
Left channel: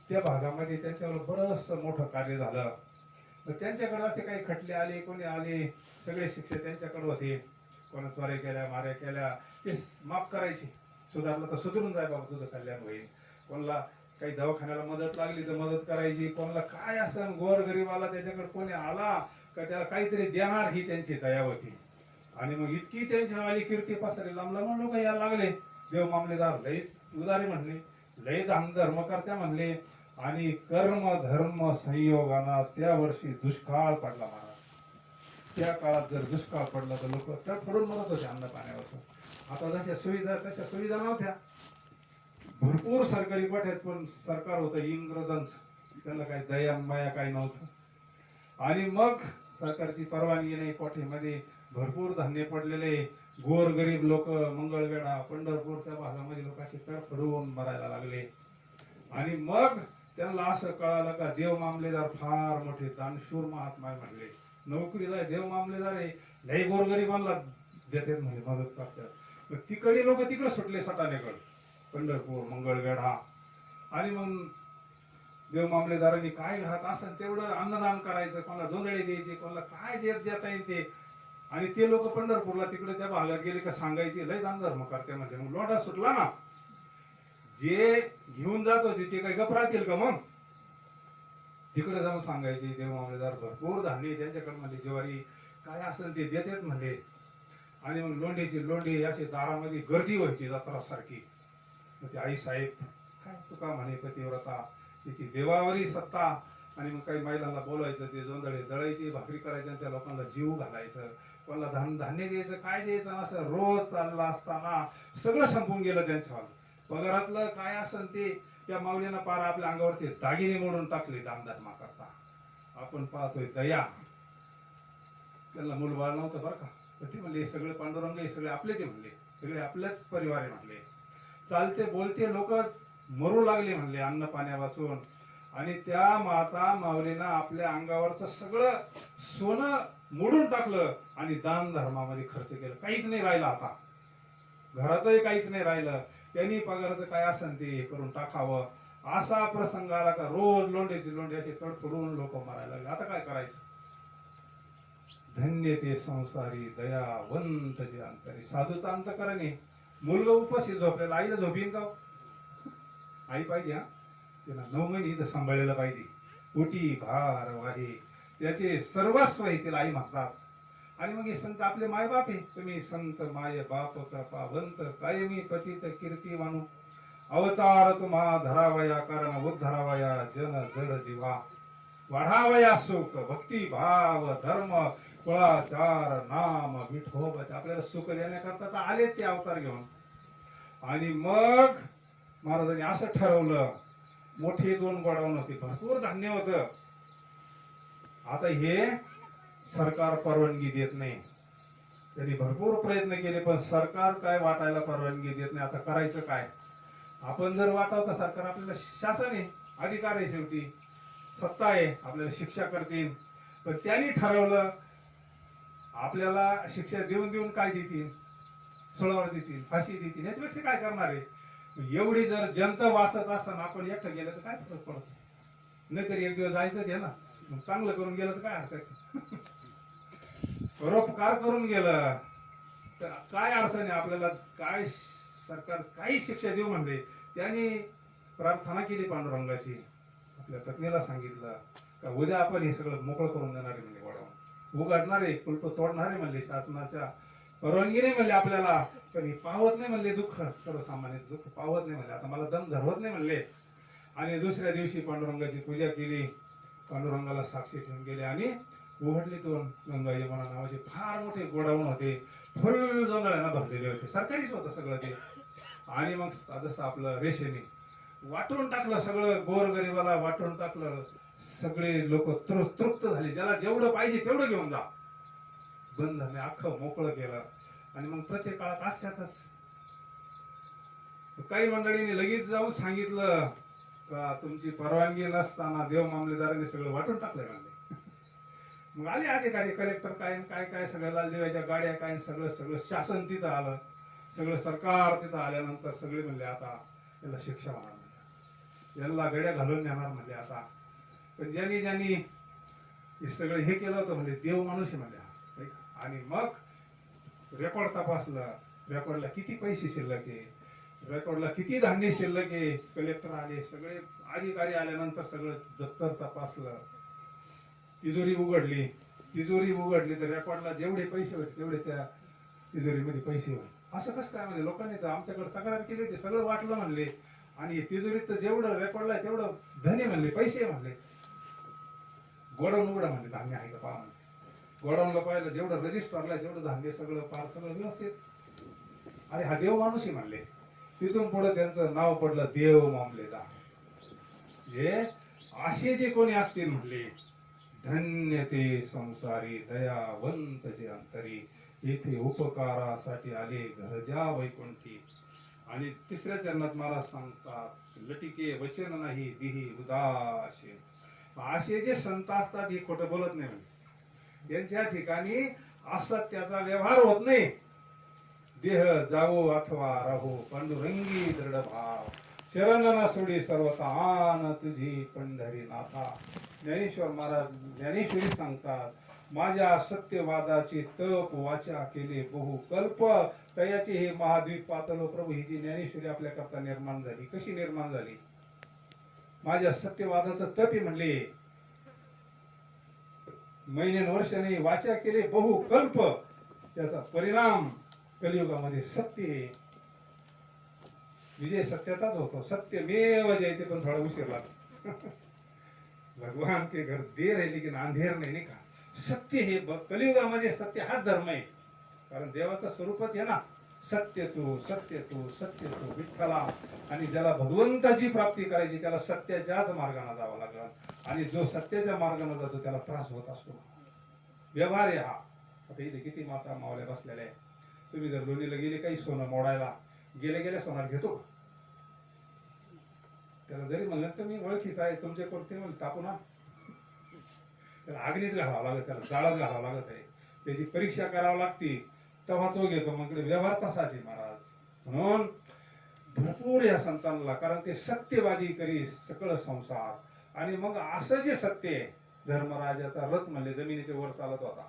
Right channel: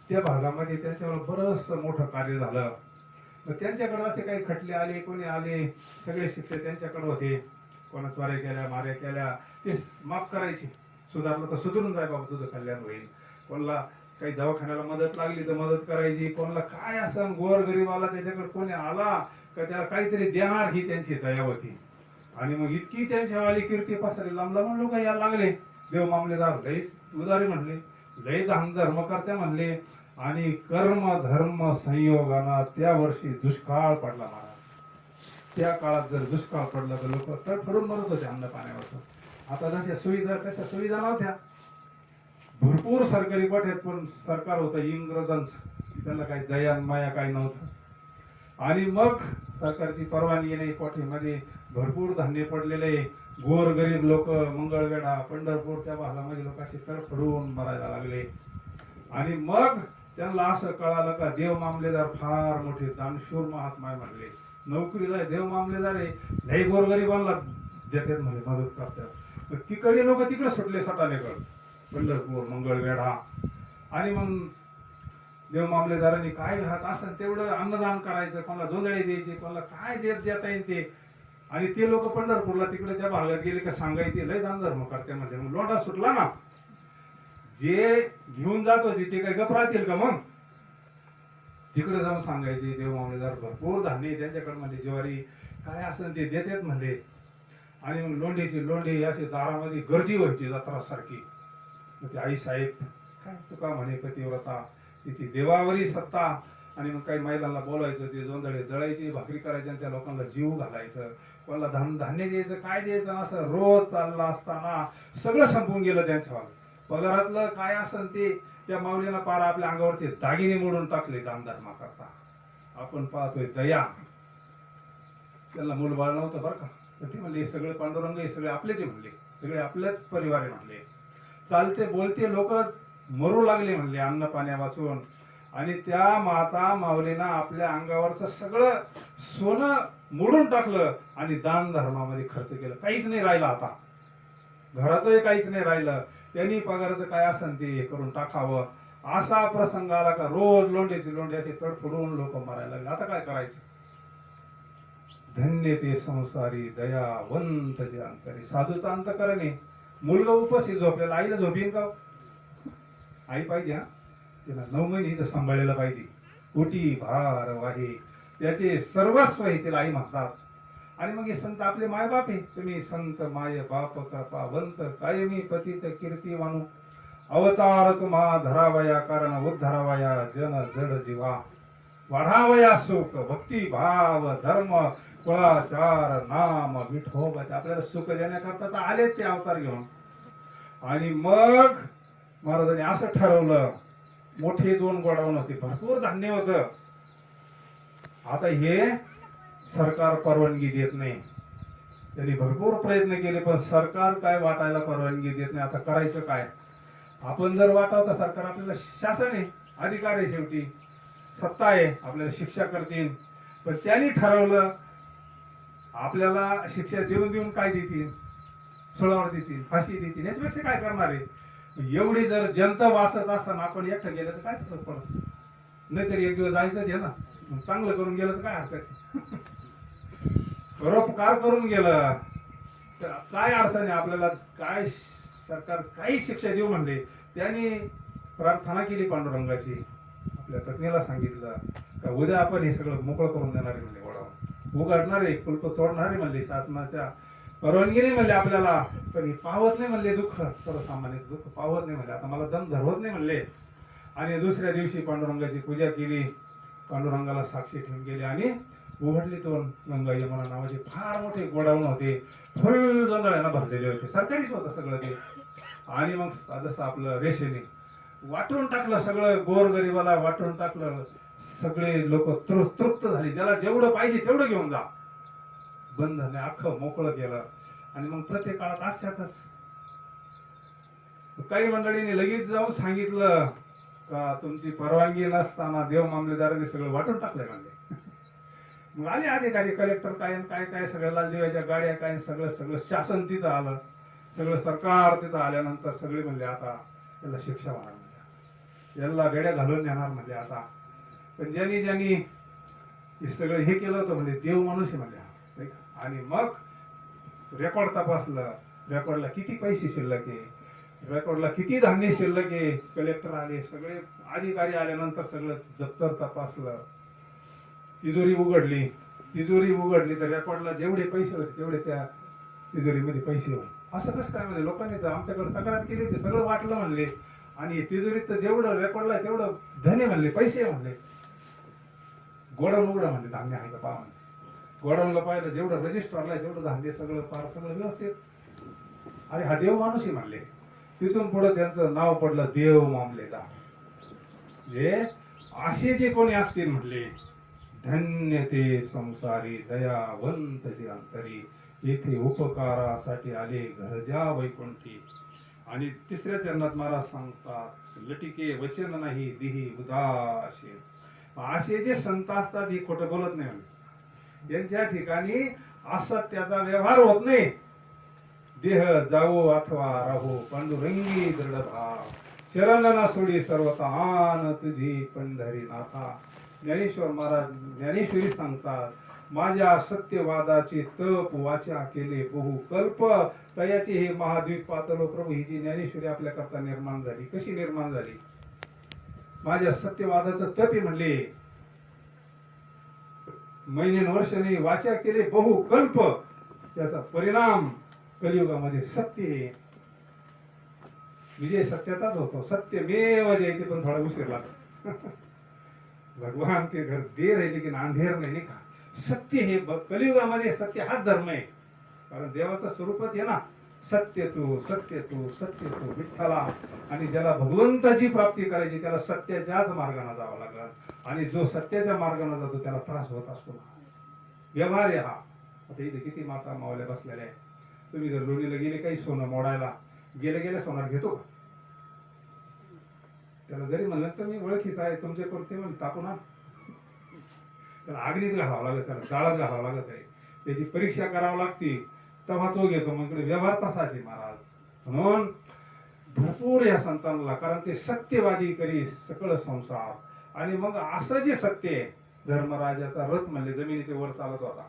त्या भागामध्ये त्यांच्यावर बरंच मोठं कार्य झालं. मग त्यांच्याकडे असे काही खटले आले, कोणी आले, सगळे शिक्षक त्यांच्याकडे होते. कोणा चोऱ्या केल्या, माऱ्या केल्या, ते माफ करायचे. सुधारलं तर सुधरून जाय बाबा, तुझं कल्याण होईल. कोणाला काही दवाखान्याला मदत लागली तर मदत करायची. कोणाला काय असं गोर गरीबाला त्याच्याकडे कोणी आला का त्याला काहीतरी देणार, ही त्यांची दया होती. आणि मग इतकी त्यांच्यावाली कीर्ती पसरली, लांब लांब लोक यायला लागले. देव मामलेदार लय उदारी म्हणले, लय दान धर्म करते म्हणले. आणि कर्म धर्म संयोगाना त्या वर्षी दुष्काळ पडला महाराज. त्या काळात जर दुष्काळ पडला तर लोक तडफडून मरत होते अन्न पाण्यावर. आता जशा सुविधा तशा सुविधा नव्हत्या. भरपूर सरकारी गोठ्यात, पण सरकार होतं इंग्रजांचं, त्याला काही दया माया काही नव्हतं. आणि मग सरकारची परवानगी नाही, कोठीमध्ये भरपूर धान्य पडलेले, गोर गरीब लोक मंगळवेढा पंढरपूरच्या भागामध्ये लोक असे तडफडून मरायला लागले. आणि मग त्यांना असं कळालं का देव मामलेदार फार मोठे दानशूर महात्मा आहे म्हणले. नोकरीला आहे, देव मामलेदार आहे, लई गोरगरिबांना देतात म्हणजे मदत करतात. मग तिकडे लोक तिकडे सुटले सटाणेकडे, पंढरपूर मंगळवेढा. आणि मग देव मामलेदारांनी काय घात असं तेवढं अन्नदान करायचं, कोणाला जोंधळे द्यायचे, कोणाला काय देता येईल ते. आणि ते लोक पंढरपूरला तिकडे त्या भागात गेले का सांगायचे लय दान धर्म करते म्हणजे. मग लोंढा सुटला ना. जे घेऊन जात होते ते काही गप राहतील का मग. तिकडे जाऊन सांगायचे देव मामलेदार भरपूर धान्य त्यांच्याकडे म्हणजे ज्वारी काय असेल ते देतात म्हणले. आणि मग लोंढे अशी दारामध्ये गर्दी व्हायची जत्रा सारखी. ते आई साहेब काय तुका म्हणे पतिव्रता, तिची देवावरी सत्ता. आणि मग काही महिलांना बोलायचं, ते जोंधळे दळायचे, भाकरी करायचे आणि त्या लोकांना जीव घालायचं, कोणाला धान्य द्यायचं, काय द्यायचं, असं रोज चालला असताना सगळं संपून गेलं त्यांच्या पगारातलं काय असेल ते. त्या माऊलीनं पार आपल्या अंगावरचे दागिने मोडून टाकले दान धर्मा करता. आपण पाहतोय दया. त्यांना मूलबाळ नव्हतं बरं का, ते म्हणले सगळे पांडुरंग हे सगळे आपलेच म्हणले, सगळे आपल्याच परिवार आहे म्हणले. चालते बोलते लोक मरू लागले म्हणले अन्न पाण्या वाचून. आणि त्या माता माऊलीनं आपल्या अंगावरचं सगळं सोनं मोडून टाकलं आणि दान धर्मामध्ये खर्च केलं. काहीच नाही राहिलं आता घरातही, काहीच नाही राहिलं. त्यांनी पगाराचं काय असेल ते करून टाकावं. असा प्रसंग आला का रोज लोंढे असे तडफडून लोक मरायला लागले. आता काय करायचं. धन्य ते संसारी दयावंत जे अंतरी. साधूचा अंत करणे. मुलगा उपस्थित झोपलेला, आईला झोपीन का. आई पाहिजे, हा तिला 9 महिने इथं सांभाळलेलं पाहिजे. उटी भार वाहे त्याचे सर्वस्व आहे, तिला आई म्हणतात. आणि मग हे संत आपले मायबाप आहे. तुम्ही संत माय बाप कृपावंत कायमी पतित कीर्ती मानू. अवतार तुम्हा धरावया कारण उद्धरावया जन जड जीवा. वाढावया सुख भक्ती भाव धर्म कुळाचार नाम विठोबा. आपल्याला सुख देण्याकरता तर आले ते अवतार घेऊन. आणि मग महाराजांनी असं ठरवलं, मोठे 2 गोडाऊन होते, भरपूर धान्य होतं. आता हे सरकार परवानगी देत नाही. त्यांनी भरपूर प्रयत्न केले पण सरकार काय वाटायला परवानगी देत नाही. आता करायचं काय. आपण जर वाटावं तर सरकार, आपल्याला शासन आहे, अधिकार आहे, शेवटी सत्ता आहे, आपल्याला शिक्षा करतील. पण त्यांनी ठरवलं आपल्याला शिक्षा देऊन काय देतील, सुळावर देतील, फाशी देतील, याच्यापेक्षा काय करणार आहे. एवढी जर जनता वाचत असताना आपण एकटं गेलं तर काय फरक पडत. नाहीतरी एक दिवस जायचंच आहे ना. चांगलं करून गेलं तर काय हरकत. परोपकार करून गेलं तर काय अर्थ नाही. आपल्याला काय सरकार काही शिक्षा देऊ म्हणले. त्यांनी प्रार्थना केली पांडुरंगाची. आपल्या पत्नीला सांगितलं का उद्या आपण हे सगळं मोकळं करून देणारे म्हणले, वडा उघडणारे, कुलप तोडणारे म्हणले, शासनाच्या परवानगी नाही म्हणले आपल्याला. पण पावत नाही म्हणले दुःख, सर्वसामान्य दुःख पावत नाही म्हणले. आता मला दम धरवत नाही म्हणले. आणि दुसऱ्या दिवशी पांडुरंगाची पूजा केली, पांडुरंगाला साक्षी ठेवून गेले. आणि उघडली तो गंगा यमुना नावाचे फार मोठे गोडाऊन होते, फुल जोंधळ्यानं भरलेले होते, सरकारीच होतं सगळं ते. आणि मग जसं आपलं रेषेने वाटून टाकलं, सगळं गोरगरिबाला वाटून टाकलं. सगळे लोक तृप्त झाले, ज्याला जेवढं पाहिजे तेवढं घेऊन जा. बंधने अख्खं मोकळं केलं. आणि मग प्रत्येक काळात असतातच काही मंडळीने लगेच जाऊन सांगितलं का तुमची परवानगी नसताना देव मामलेदारांनी सगळं वाटून टाकलंय म्हणले. मग आले अधिकारी, कलेक्टर काय काय सगळं, लालदेवाच्या गाड्या काय, सगळं शासन तिथं आलं, सगळं सरकार तिथं आल्यानंतर सगळे म्हणले आता त्याला शिक्षा होणार म्हणले, याला गड्या घालून नेणार म्हणले आता. पण ज्यांनी हे सगळं हे केलं होतं म्हणजे देव माणूस आहे म्हणले. आणि मग रेकॉर्ड तपासलं, रेकॉर्डला किती पैसे शिल्लक आहे, रेकॉर्डला किती धान्य शिल्लक आहे. कलेक्टर आले, सगळे अधिकारी आल्यानंतर सगळं दप्तर तपासलं, तिजोरी उघडली तर रेकॉर्डला जेवढे पैसे होते तेवढे त्या तिजोरीमध्ये पैसे होते. असं कसं काय म्हणजे. लोकांनी तर आमच्याकडे तक्रार केली, ते सगळं वाटलं म्हणले. आणि तिजोरीत तर जेवढं रेकॉर्डला तेवढं धने म्हणले, पैसे म्हणले. गोडाऊन उघडा म्हणले, धान्य आहे का पहा म्हणले. गोडाऊनला पाहिलं, जेवढं रजिस्टरला जेवढं धान्य सगळं पार सगळं व्यवस्थित. अरे हा देव माणूस म्हणले. तिथून पुढे त्यांचं नाव पडलं देव मामलेदार. जे असे जे कोणी असतील म्हणले धन्य ते संसारी दयावंत जे अंतरी, येथे उपकारासाठी आले घरजा वैकुंठी. आणि तिसऱ्या चरणात महाराज सांगतात, लटिके वचन नाही दिही उदासीन. असे जे संत असतात हे खोटं बोलत नाही म्हणजे, यांच्या ठिकाणी असत्याचा व्यवहार होत नाही. देह जावो अथवा राहो पांडुरंगी दृढ भाव, चरण न सोडी सर्वता आन तुझी पंढरीनाथा. ज्ञानेश्वर महाराज ज्ञानेश्वरी सांगतात, माझ्या सत्यवादाचे तप वाचा केले बहु कल्प, तयाचे हे महाद्वीप पातलो प्रभू. ही जी ज्ञानेश्वरी आपल्या करता निर्माण झाली, कशी निर्माण झाली? माझ्या सत्यवादाचं तप आहे म्हणले, महिने वर्षाने वाचा केले बहु कल्प. त्याचा परिणाम कलियुगामध्ये सत्य आहे. विजय सत्याचाच होतो. सत्यमेव जयते, पण थोडा उशीर लागतो. भगवान के घर देर है लेकिन अंधेर नाही का. सत्य हे कलियुगामध्ये सत्य हाच धर्म आहे. कारण देवाचं स्वरूपच आहे ना सत्य तू सत्य तू सत्य तू विठ्ठला. आणि ज्याला भगवंताची प्राप्ती करायची त्याला सत्याच्याच मार्गाने जावं लागलं. आणि जो सत्याच्या मार्गाने जातो त्याला त्रास होत असतो. व्यवहार आहे हा. आता इथे किती माता मावल्या बसलेल्या आहे. तुम्ही जर लोणीला गेले काही सोनं मोडायला, गेल्या गेल्या सोनार घेतो का? त्याला जरी म्हणलं तर मी ओळखीचा आहे तुमचे कोणते म्हणून तापू ना, त्याला अग्नीत घालावं लागत, त्याला जाळात घालावं लागत आहे, त्याची परीक्षा करावं लागते, तेव्हा तो घेतो. मग व्यवहार तसाच आहे महाराज. म्हणून भरपूर या संतांना, कारण ते सत्यवादी करी सकळ संसार. आणि मग असं जे सत्य आहे, धर्मराजाचा रथ म्हणले जमिनीच्या वर चालत होता.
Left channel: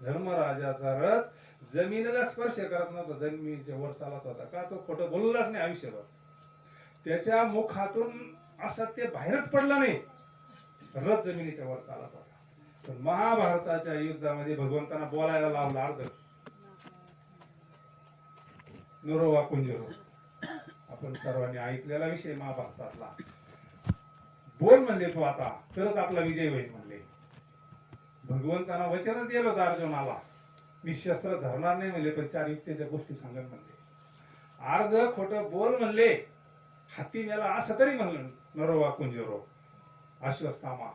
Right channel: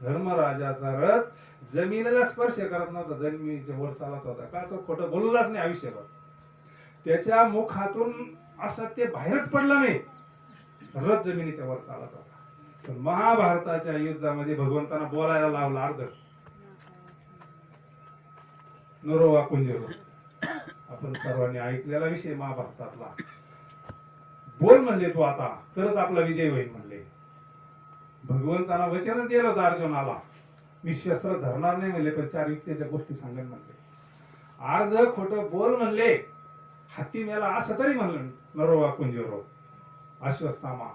धर्मराजाचा रथ जमिनीला स्पर्श करत नव्हता, जमिनीच्या वर चालत होता. का? तो खोटं बोललाच नाही आयुष्यभर. त्याच्या मुखातून असत्य बाहेरच पडलं नाही, रथ जमिनीच्या वर चालत होता. पण महाभारताच्या युद्धामध्ये भगवंतांना बोलायला लावलं अर्ध. नरोवा कुंजरो, आपण सर्वांनी ऐकलेला विषय महाभारतातला. बोल म्हणले तू आता, तरच आपला विजय होईल म्हणले. भगवंतांना वचन दिलं होतं अर्जुनाला, मी शस्त्र धरणार नाही म्हणले, पण 4 युक्तीच्या गोष्टी सांगत म्हणले. अर्ध खोटं बोल म्हणले, हत्ती मेला असं तरी म्हणलं नरोवा कुंजरो. अश्वत्थामा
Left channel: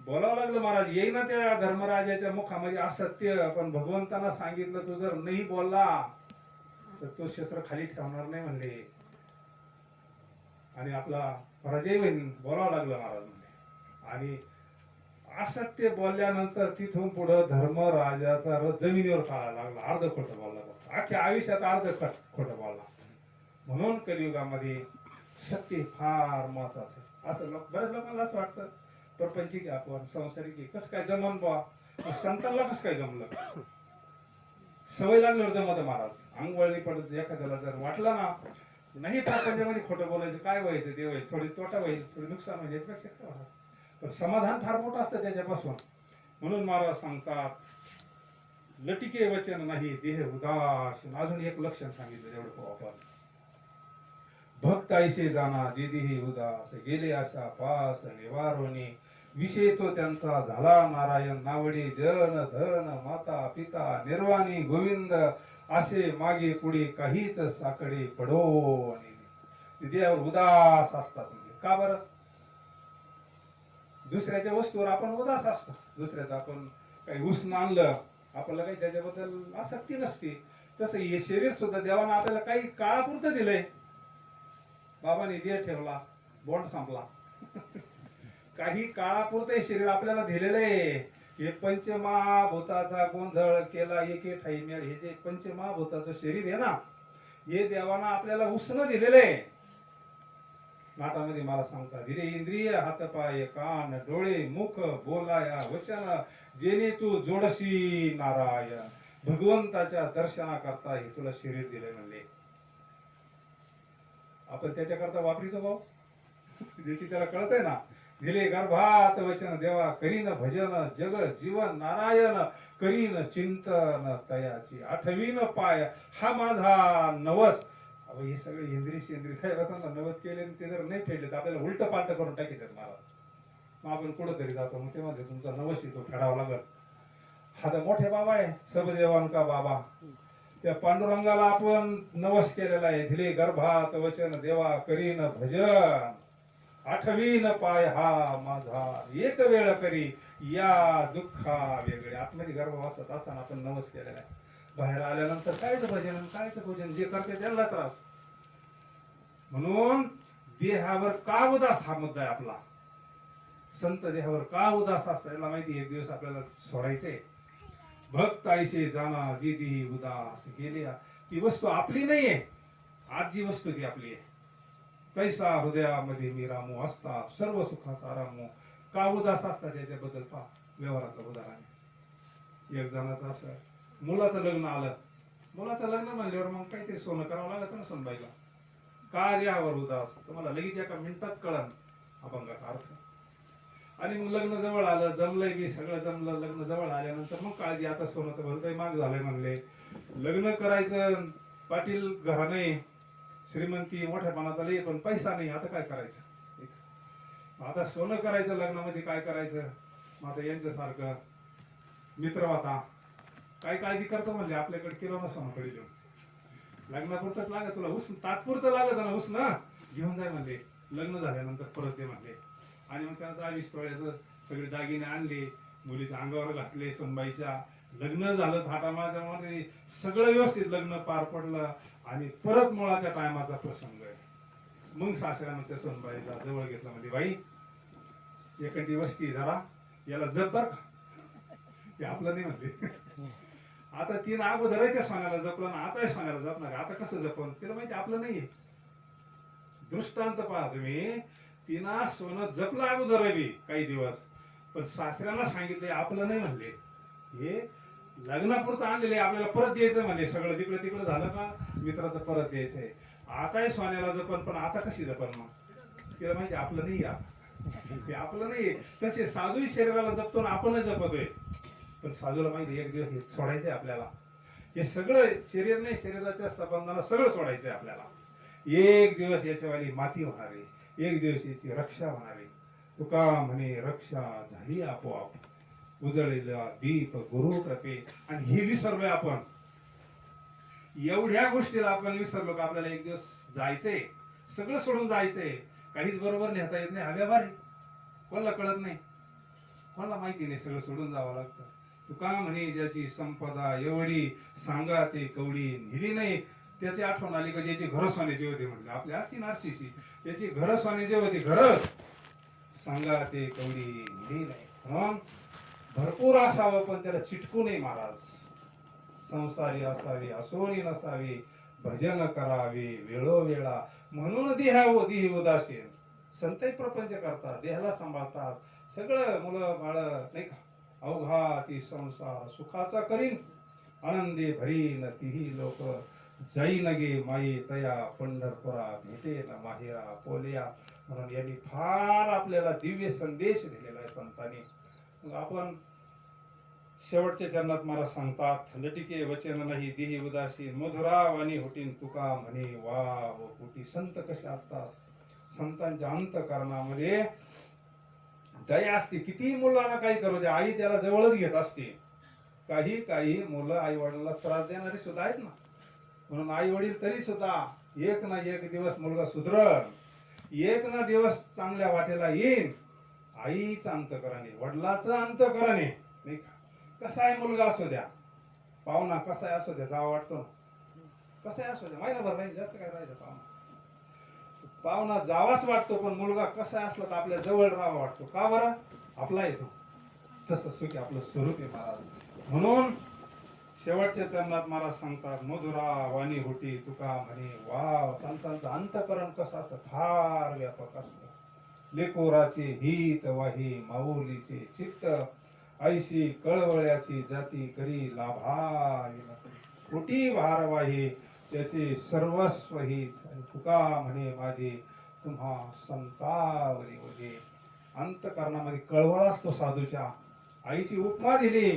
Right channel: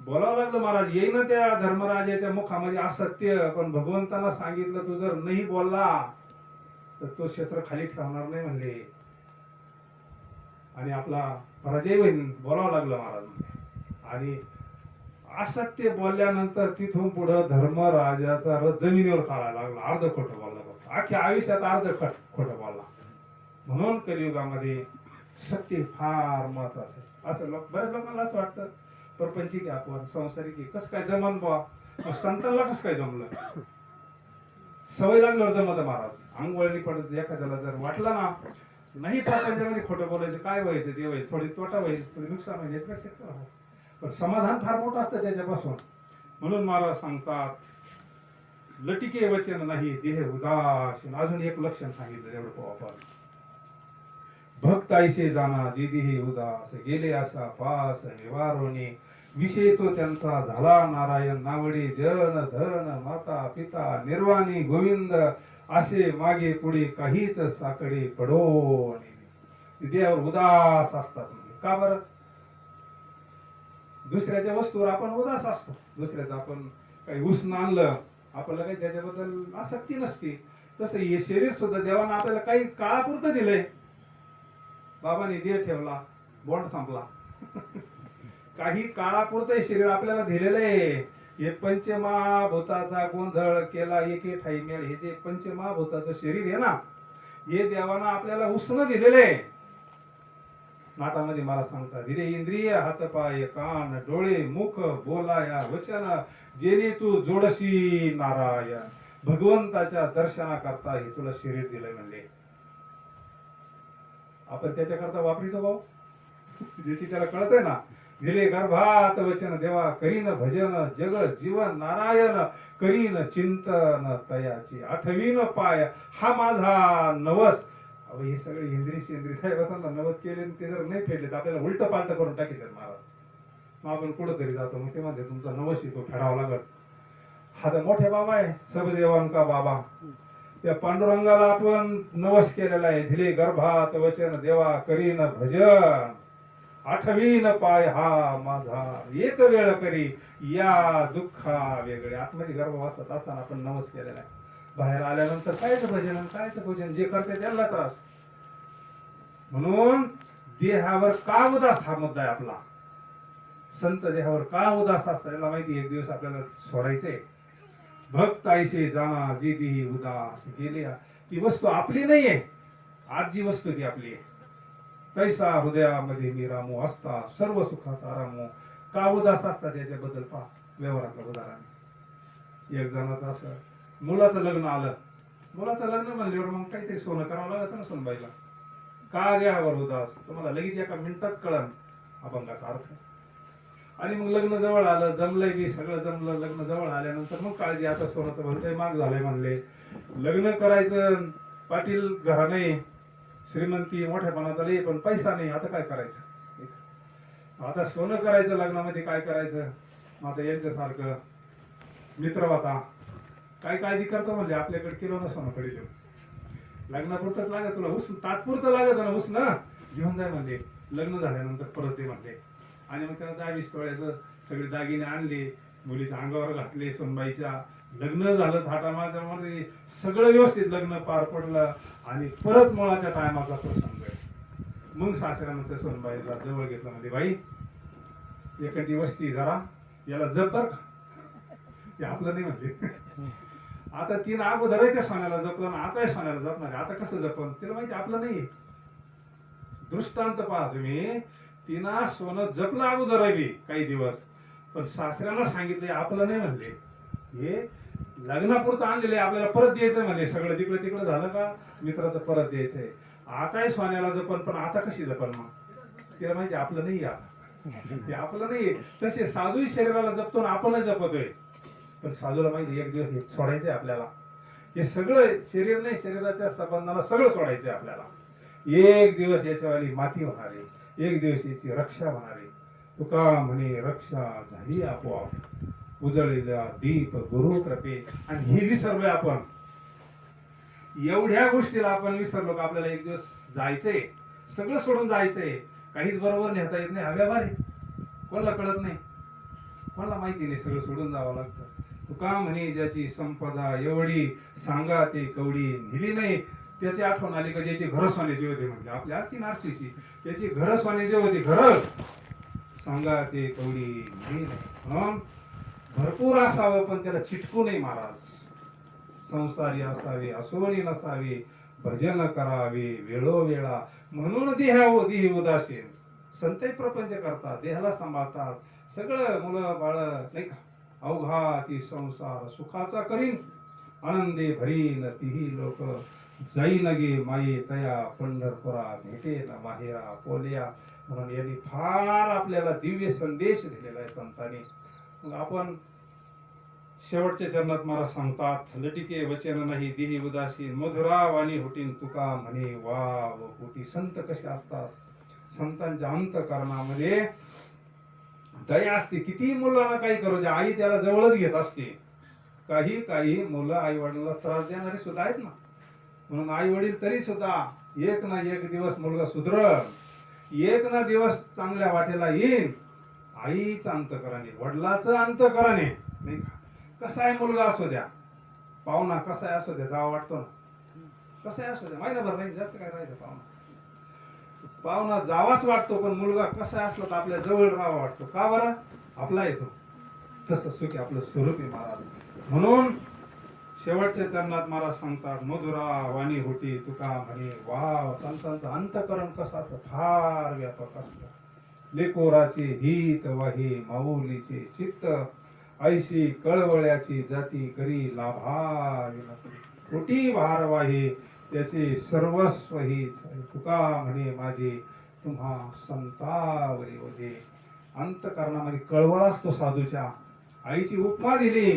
बोलावं लागलं महाराज. येईना त्या धर्मराजाच्या मुखामध्ये असत्य, पण भगवंतांना सांगितलं तू जर नाही बोलला तर तो शस्त्र खाली ठेवणार नाही म्हणले, आणि आपला पराजय होईल. बोलावं लागलं महाराज. आणि असत्य बोलल्यानंतर तिथून पुढे धर्मराजाचा रथ जमिनीवर चालायला लागला. अर्ध खोटं बोलला, अख्ख्या आयुष्यात अर्ध खोटं बोलला. म्हणून कलियुगामध्ये सत्य फार महत्वाचं आहे. असं बऱ्याच लोकांना असं वाटतं प्रपंचिक आपण संसारिक कसं काय जमन बा. संतांना कसं काय जमलं? सवय लागल्यावर जमत महाराज. अंगवळणी पडत एखाद्याला जर वाटलं ना नाही प्रपंचामध्ये खोटं बोलायचं, काय व्हायचं ते होईल, थोडी तोटा होईल, थोडी नुकसान होईल, याच्यापेक्षा पण समाधान फार मोठं असतं त्याच्यापासून. म्हणून महाराज सांगतात, लटिके वचन नाही देह उदासीन. अजून एक लक्षण सांगितलं तेवढं आपण. भक्त ऐसे जाना जे देही उदास, गेले असा पास निवारोनी. विषय तो त्यांचा झाला नारायण, नावडे जन धन माता पिता निर्वाणी गोविंद. असे मागे पुढे काहीच साकडे पडो. देवावर उदास असतात. का बरं? दुसऱ्याच्या वस्तूवर आपण उदास असतो. दुसऱ्याचं आपण काही उसनं आणलं, आपल्याला काही त्याच्याबद्दल आसक्ती नसते. तसं हे शरीर सुद्धा देवानं आपल्याला काही काळापुरतं दिलंय. बाबाने देह ठेवला, बॉन्ड संपला. काही काळापुरतं हे शरीर आपल्याला दिलेलं आहे. हे पंचमहाभूताचा गोंधळ केला एके ठाई मेळ. हे जे पंचमहाभूताचं शरीर आहे ना, हे देवानं आपल्याला उसनं दिलेलं आहे. नाटामध्ये मला सांगता, दिले इंद्रिय हातपाय कान डोळे मुख बोलाया वचन, जेणे तू जोडशी नारायण. भगवंताच्या दर्शना करता हे तुला शरीर दिलंय म्हणले. आपण त्याच्याकरता वापरीचं भाऊ, ज्याची त्याला कळतंय ना. दिले गर्भात वचन देवा करीन भजन, जग जीवन नारायण करीन चिंतन तयाची. आठवीन पाय हा माझा नवस. हे सगळे इंद्रिय सेंद्रिय काय नवस केले, ते जर नाही फेडले तर आपल्याला उलट पालट करून टाकीतात महाराज. मग आपण कुठंतरी जातो, मग ते म्हणते तुमचा नवस येतो फेडावा लागत. हा तर मोठे बाबा आहे, सबदेवांका बाबा. त्या पांडुरंगाला आपण नवस केलेला आहे. दिले गर्भात वचन देवा करीन भजन. आठवीन पाय हा माझा एक वेळ करी या दुःखा वेगळे. आतमध्ये गर्भवासात असताना आपण नवस केलेला आहे. बाहेर आल्यानंतर कायचं भजन आणि कायचं पूजन, जे करते त्याला त्रास. म्हणून देहावर का उदास हा मुद्दा आहे आपला. संत देहावर का उदास असतात याला माहिती. एक दिवस आपल्याला सोडायचंय. भक्त आईसे जाना जी देही उदास गेली. ती वस्तू आपली नाहीये. आज जी वस्तू ती आपली आहे. तैसा हृदयामध्ये मी रामू असता सर्व सुखाचा रामू. का उदास असतात याच्याबद्दल पहा व्यवहारातलं उदाहरण. एक जणाचं असं मुलाचं लग्न आलं. मुलाचं लग्न म्हणल्यावर मग काहीतरी सोनं करावं लागतं ना सोनबाईला. का देहावर उदास, तुम्हाला लगेच एका मिनिटात कळन अभंगाचा अर्थ. आणि मग लग्न जवळ आलं, जमलंय की सगळं जमलं. लग्न जवळ आल्यानंतर मग काळजी, आता सोनं तर भलतंय महाग झालंय म्हणले. लग्न करायचं, पाटील घरा नाही, श्रीमंती मोठ्यापणात आली पण पैसा नाही. आता काय करायचं. आता सोनं करायचं, लग्नामध्ये काय करायचं. आता यांच्यासारखं मित्र होता, काय काळजी करतो म्हणले, आपल्याकडे किलो ना सोनं पडेल. लग्नापुरतच लागत तुला, उस तात्पुरतं लागत ना, उस ना घेऊन जाय म्हणले. लग्न झाल्यानंतर परत दे म्हणले. आणि मग त्याला 20 तोळ्याचं सगळे दागिने आणले, मुलीच्या अंगावर घातले सोनबाईच्या. लग्न झालं थाटामाटामध्ये, सगळं व्यवस्थित लग्न पार पडलं. आणि परत मुळाच्या टायमाचा प्रसंग आहे. मग सासऱ्यानं त्या सोनबाईला जवळ घेतलं, म्हणजे बाई एखादी वस्ती जरा याला जप बर का, हे आपलं नाही म्हणले. आता तिनं अगोदरही त्या सोन्याला जपलं ना, आता सोन्याला जपणार आहे. आता कसं जपन, तिला माहिती आपलं नाहीये. दृष्टांत पहा तुम्ही. तिनं सोनं जपलं अगोदर बी काही दिवस, पण सासऱ्याला सांगितले आपलं नाही म्हणले. हे लग्नापुरतं आणलेले आपल्याला परत द्यायचंय म्हणले. सगळं जिकडे तिकडे झालं का मित्राचं परत द्यायचंय. आताही सोन्याला जपन, पण आता कशी जपन मग. तिला माहिती आपलं नाही. आता ते आपलं नाही. तसे साधूही शरीराला जपतो ना, आपणच जपतोय. पण साधूला माहिती एक दिवस हे सोडायचंय आपल्याला. हे सगळं शरीर नाही, शरीराच्या संबंधाला सगळं सोडायचंय आपल्याला. एक दिवस याच्यावाली माती होणार आहे, एक दिवस याची रक्षा होणार आहे. तुका म्हणे रक्षा झाली आपोआप, उजळलेला दीप गुरु कृपे. आणि हे विसरलोय आपण. एवढ्या गोष्टीला आपण विसरलो का आपल्याला एक दिवस जायचंय, सगळं सोडून जायचंय. काहीच बरोबर नेता येत नाही, हव्या भारी. कोणाला कळत नाही, कोणाला माहिती नाही, सगळं सोडून जावं लागतं. तुका म्हणे ज्याची संपदा एवढी, सांगा ते कवडी नेली नाही. त्याची आठवण आली का ज्याची घर सोन्याची होते, म्हणजे आपल्या ती नारशीची, त्याची घर सोन्याची होती. घर सांगा ते कवडी नेली नाही. म्हणून भरपूर असावं पण त्याला चिटकू नाही महाराज. संसारी असावे असोनी नसावे, भजन करावे वेळोवेळा. म्हणून देही उदासीन. संतही प्रपंच करतात, देहाला सांभाळतात, सगळं मुलं बाळ नाही का. अवघा ती संसार सुखाचा करीन, आनंदे भरीन तीही लोक. जाईन गे माई तया पंढरपुरा, भेटे ना माहेरा पोलिया. म्हणून यांनी फार आपल्याला दिव्य संदेश दिलेला आहे संतांनी. मग आपण शेवटच्या चरणात महाराज सांगतात, लटिके वचन नाही देही उदासीन, मधुरा वाणी होतीन तुका म्हणे वाव होती. संत कसे असतात, संतांच्या अंतःकरणामध्ये दया असते. किती मुलांना काही करू द्या, आई त्याला जवळच घेत असते. काही मुलं आई वडिलांना त्रास देणारे सुद्धा आहेत ना. म्हणून आई वडील तरी सुद्धा एक ना एक दिवस मुलगा सुधरण, एक ना दिवस चांगल्या वाटेला येईल. आईचं अंतःकरणे, वडिलाचं अंतःकरणे नाही का. कसाय मुलगा असू द्या, पाहुणा कसाय असू द्या, जावा वाटतो ना. कसाय असू द्या, महिनाभर नाही जास्त काय राहायचं. पाहुणा जावाच वाटतो, पण मुलगा कसा असला तर आपल्या जवळ राहावा वाटतो. का बरं, आपला येतो. तसं सुखी आपलं स्वरूप आहे महाराज. म्हणून शेवटच्या चरणात महाराज सांगतात, मधुरा वाणी होती तुका म्हणे वाव. संतांचं अंतःकरण कसं असतं, फार व्यापक असतं. लेकोराचे हित वाही माऊलीचे चित्त, ऐशी कळवळ्याची जाती करी लाभावी. कोटी भारवाही त्याचे सर्वस्व ही तुका म्हणे माझे तुम्हा संतावरी होते. अंतःकरणामध्ये कळवळ असतो साधूच्या. आईची उपमा दिली,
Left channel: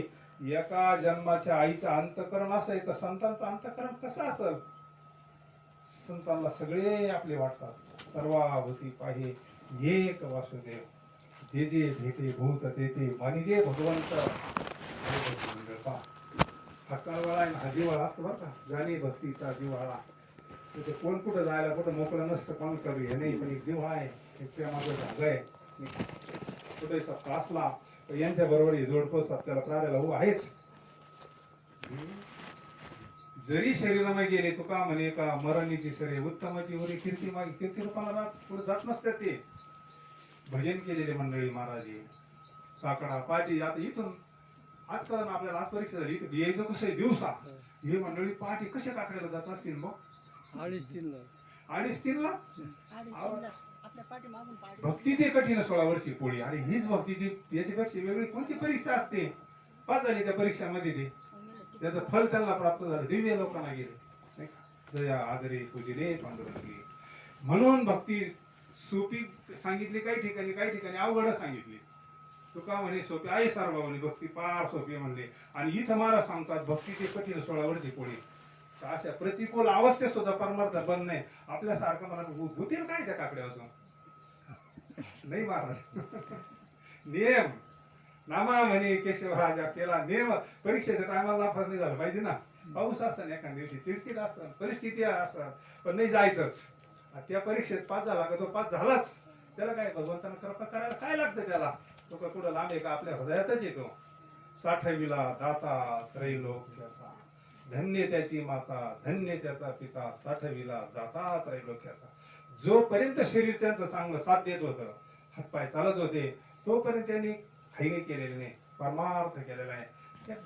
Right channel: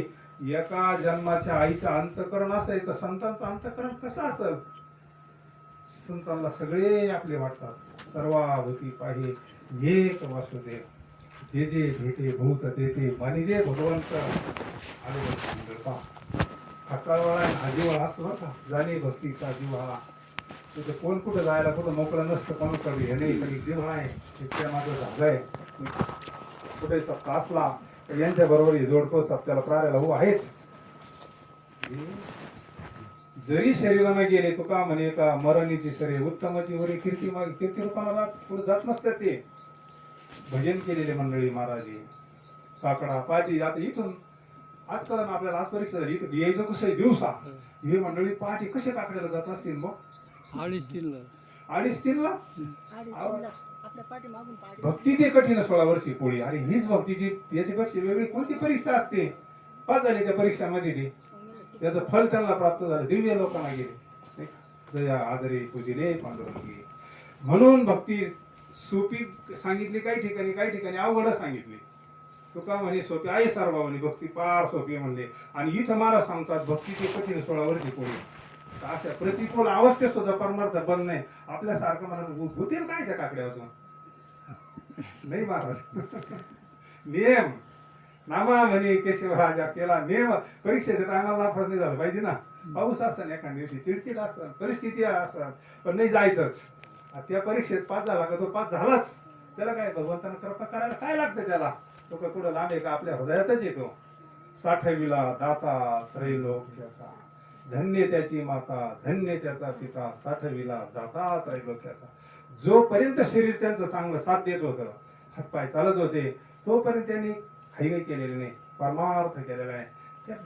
एका जन्माच्या आईचं अंतःकरण असेल तर संतांचं अंतःकरण कसं असेल. संतांना सगळे आपले वाटतात. सर्वाभूती पाहे एक वासुदेव, जे जे भेटे भूत तेथे मानिजे भगवंत. हा कळवळा हा जिव्हाळा असतो बरं का, जाणे भक्तीचा जिव्हाळा. तिथे कोण कुठं जायला कुठं मोकळं नसतं, कोण कवी हे नाही, पण जिव्हाळा आहे. इतक्या माझं झालं आहे कुठे सप्ताह असला तर यांच्या बरोबर हे जोडतो सप्त्याला प्राऱ्याला हो आहेच. जरी शरीराने गेले तुका म्हणे का मरणीची शरीर उत्तमाची वरी कीर्ती मागे कीर्ती रूपाला पुढे जात नसतात. ते भजन केलेले मंडळी महाराजी काकडा पाठी आता इथून आजकाल ना आपल्याला आज परीक्षा झाली इथं यायचं कसं दिवसा हे मंडळी पहाटे कसे काकड्याला जात असतील बघ 2:30 भक्ती ते कठीण 16 वर्षी पोळी. अरे हीच भक्तीची याच्यापेक्षा वेगळी कोणती परीक्षा असते. पास झाली त्या परीक्षामध्ये ते त्याचं फल त्यांना प्राप्त झालं. दिव्य लोकांना गेले जया आदरे पूजिले पांडुरंगी. म्हणून भक्ती सोपी सांगितली काही ठिकाणी अवघड सांगितली. तुका म्हणे सोपी आहे सार्वभौमी भक्ती पार सोपी म्हणले. आणि इथं मला सांगतात भक्तीची कठीण 16 वर्षी पोळी. अशा प्रतिकूल अवस्थेत सुद्धा परमार्थ बंद नाही. आपल्यासारखं मला होतील काय त्या काकड्या असून नाही महाराज. नियम नामा म्हणे केशवराजा केला नियम. परीक्षेच्या टायमाला नापास नाही झालं पाहिजे ना. पाऊस असताना एखाद्या दिवशी चिडचिड असतात परिस्थिती असतात पण नाही जायचंच. त्या परीक्षेत पास झाला का तो पास झालाच. त्याला काय भगवंतानं कृपा करायला काय लागतं त्याला. तो का कुठं लांब आहे का आपल्या हृदयातच येतो. 60विला दाता त्रैलोक्याचा धन्य त्याची माता धन्य त्याचा पिता 60विला दाता त्रैलोक्याचा. जोपर्यंत शरीर त्यांचं चांगलं साथ देत होतं हातपाय चालत होते तोपर्यंत त्यांनी काही केलेले नाही परमार्थ केलेला आहे.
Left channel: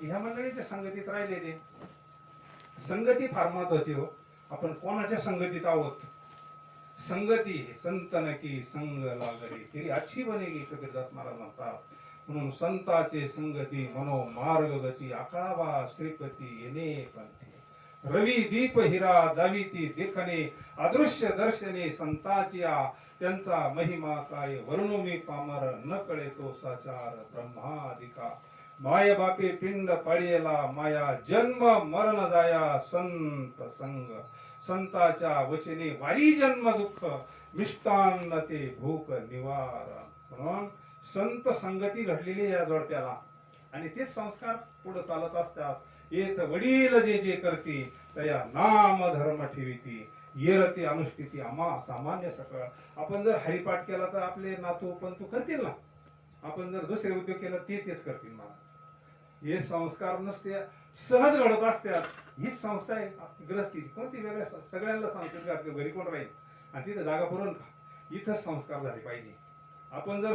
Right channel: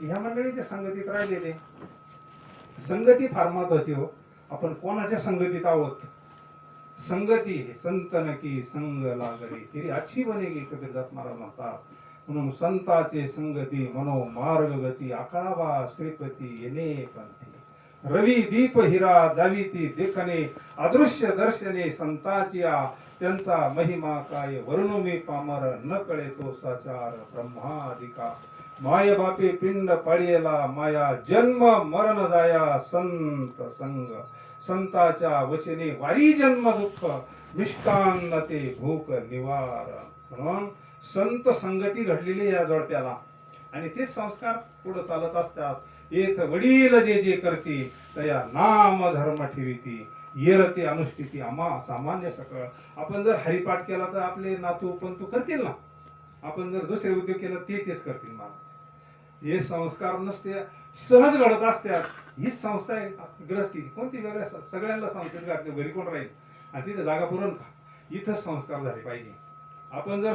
ह्या मंडळीच्या संगतीत राहिले ते. संगती फार महत्वाची हो. आपण कोणाच्या संगतीत आहोत. संगती संतन की संग लागली तेरी अच्छी बनेगी कबीरदास महाराज म्हणतात. म्हणून संताचे संगती मनो मार्ग गती आकाळावा श्रीपती येणे पंथी. रवी दीप हिरा दाविती देखणे अदृश्य दर्शने संताचिया. त्यांचा महिमा काय वर्णू मी पामर न कळे तो साचार ब्रह्मादिका. माय बापे पिंड पाळीला माया जन्म मरण जाया संत संग. संताच्या वचने वारी जन्म दुःख मिष्टान्न ते भूक निवार. म्हणून संत संगती घडलेली या जोडप्याला आणि ते संस्कार पुढे चालत असतात. एक वडील जे जे करती तया नाम धर्म ठेविती येरती अनुष्ठिती आम्हा सामान्य सकळ. आपण जर हरिपाठ केला तर आपले नातू पंतू करतील ना. आपण जर दुसरे उद्योग केला तेच करतील महाराज. हे संस्कार नसते सहज घडत असतात. हीच संस्था आहे ग्रस्तीची. कोणती वेगळ्या सगळ्यांना संस्कृती घातली घरी कोण राहील आणि तिथे जागा पुरण का. इथं संस्कार झाले पाहिजे. आपण जर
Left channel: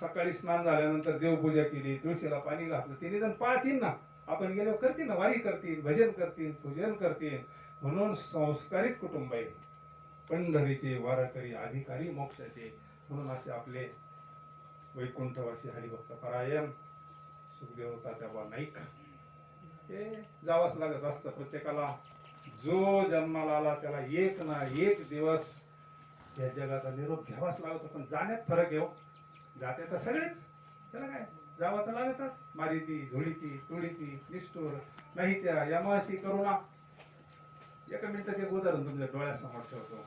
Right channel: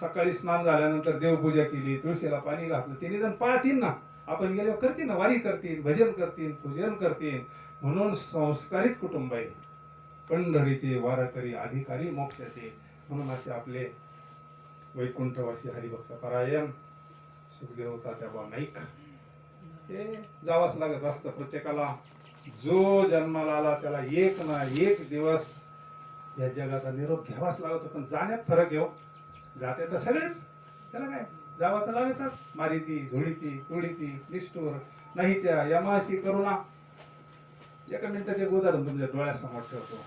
सकाळी स्नान झाल्यानंतर देवपूजा केली तुळशीला पाणी घातलं ते निदान पाळतील ना. आपण गेल्यावर करतील ना. वारी करतील भजन करतील पूजन करतील. म्हणून संस्कारित कुटुंब आहे. पंढरीचे वारकरी अधिकारी मोक्षाचे. म्हणून असे आपले वैकुंठवासी हरिभक्त परायण सुखदेव तात्याबा नाईक हे जावंच लागत असतं प्रत्येकाला. जो जन्माला आला त्याला एक ना एक दिवस या जगाचा निरोप घ्यावाच लागतो. पण जाण्यात फरक येऊ. जाते तर सगळेच त्याला काय जावं तर लागतच. मारिती धुळीती तुळीती निष्ठूर नाही त्या यमाशी करुणा. एका मिनिटात एक उदाहरण तुमच्या डोळ्यासमोर ठेवतो.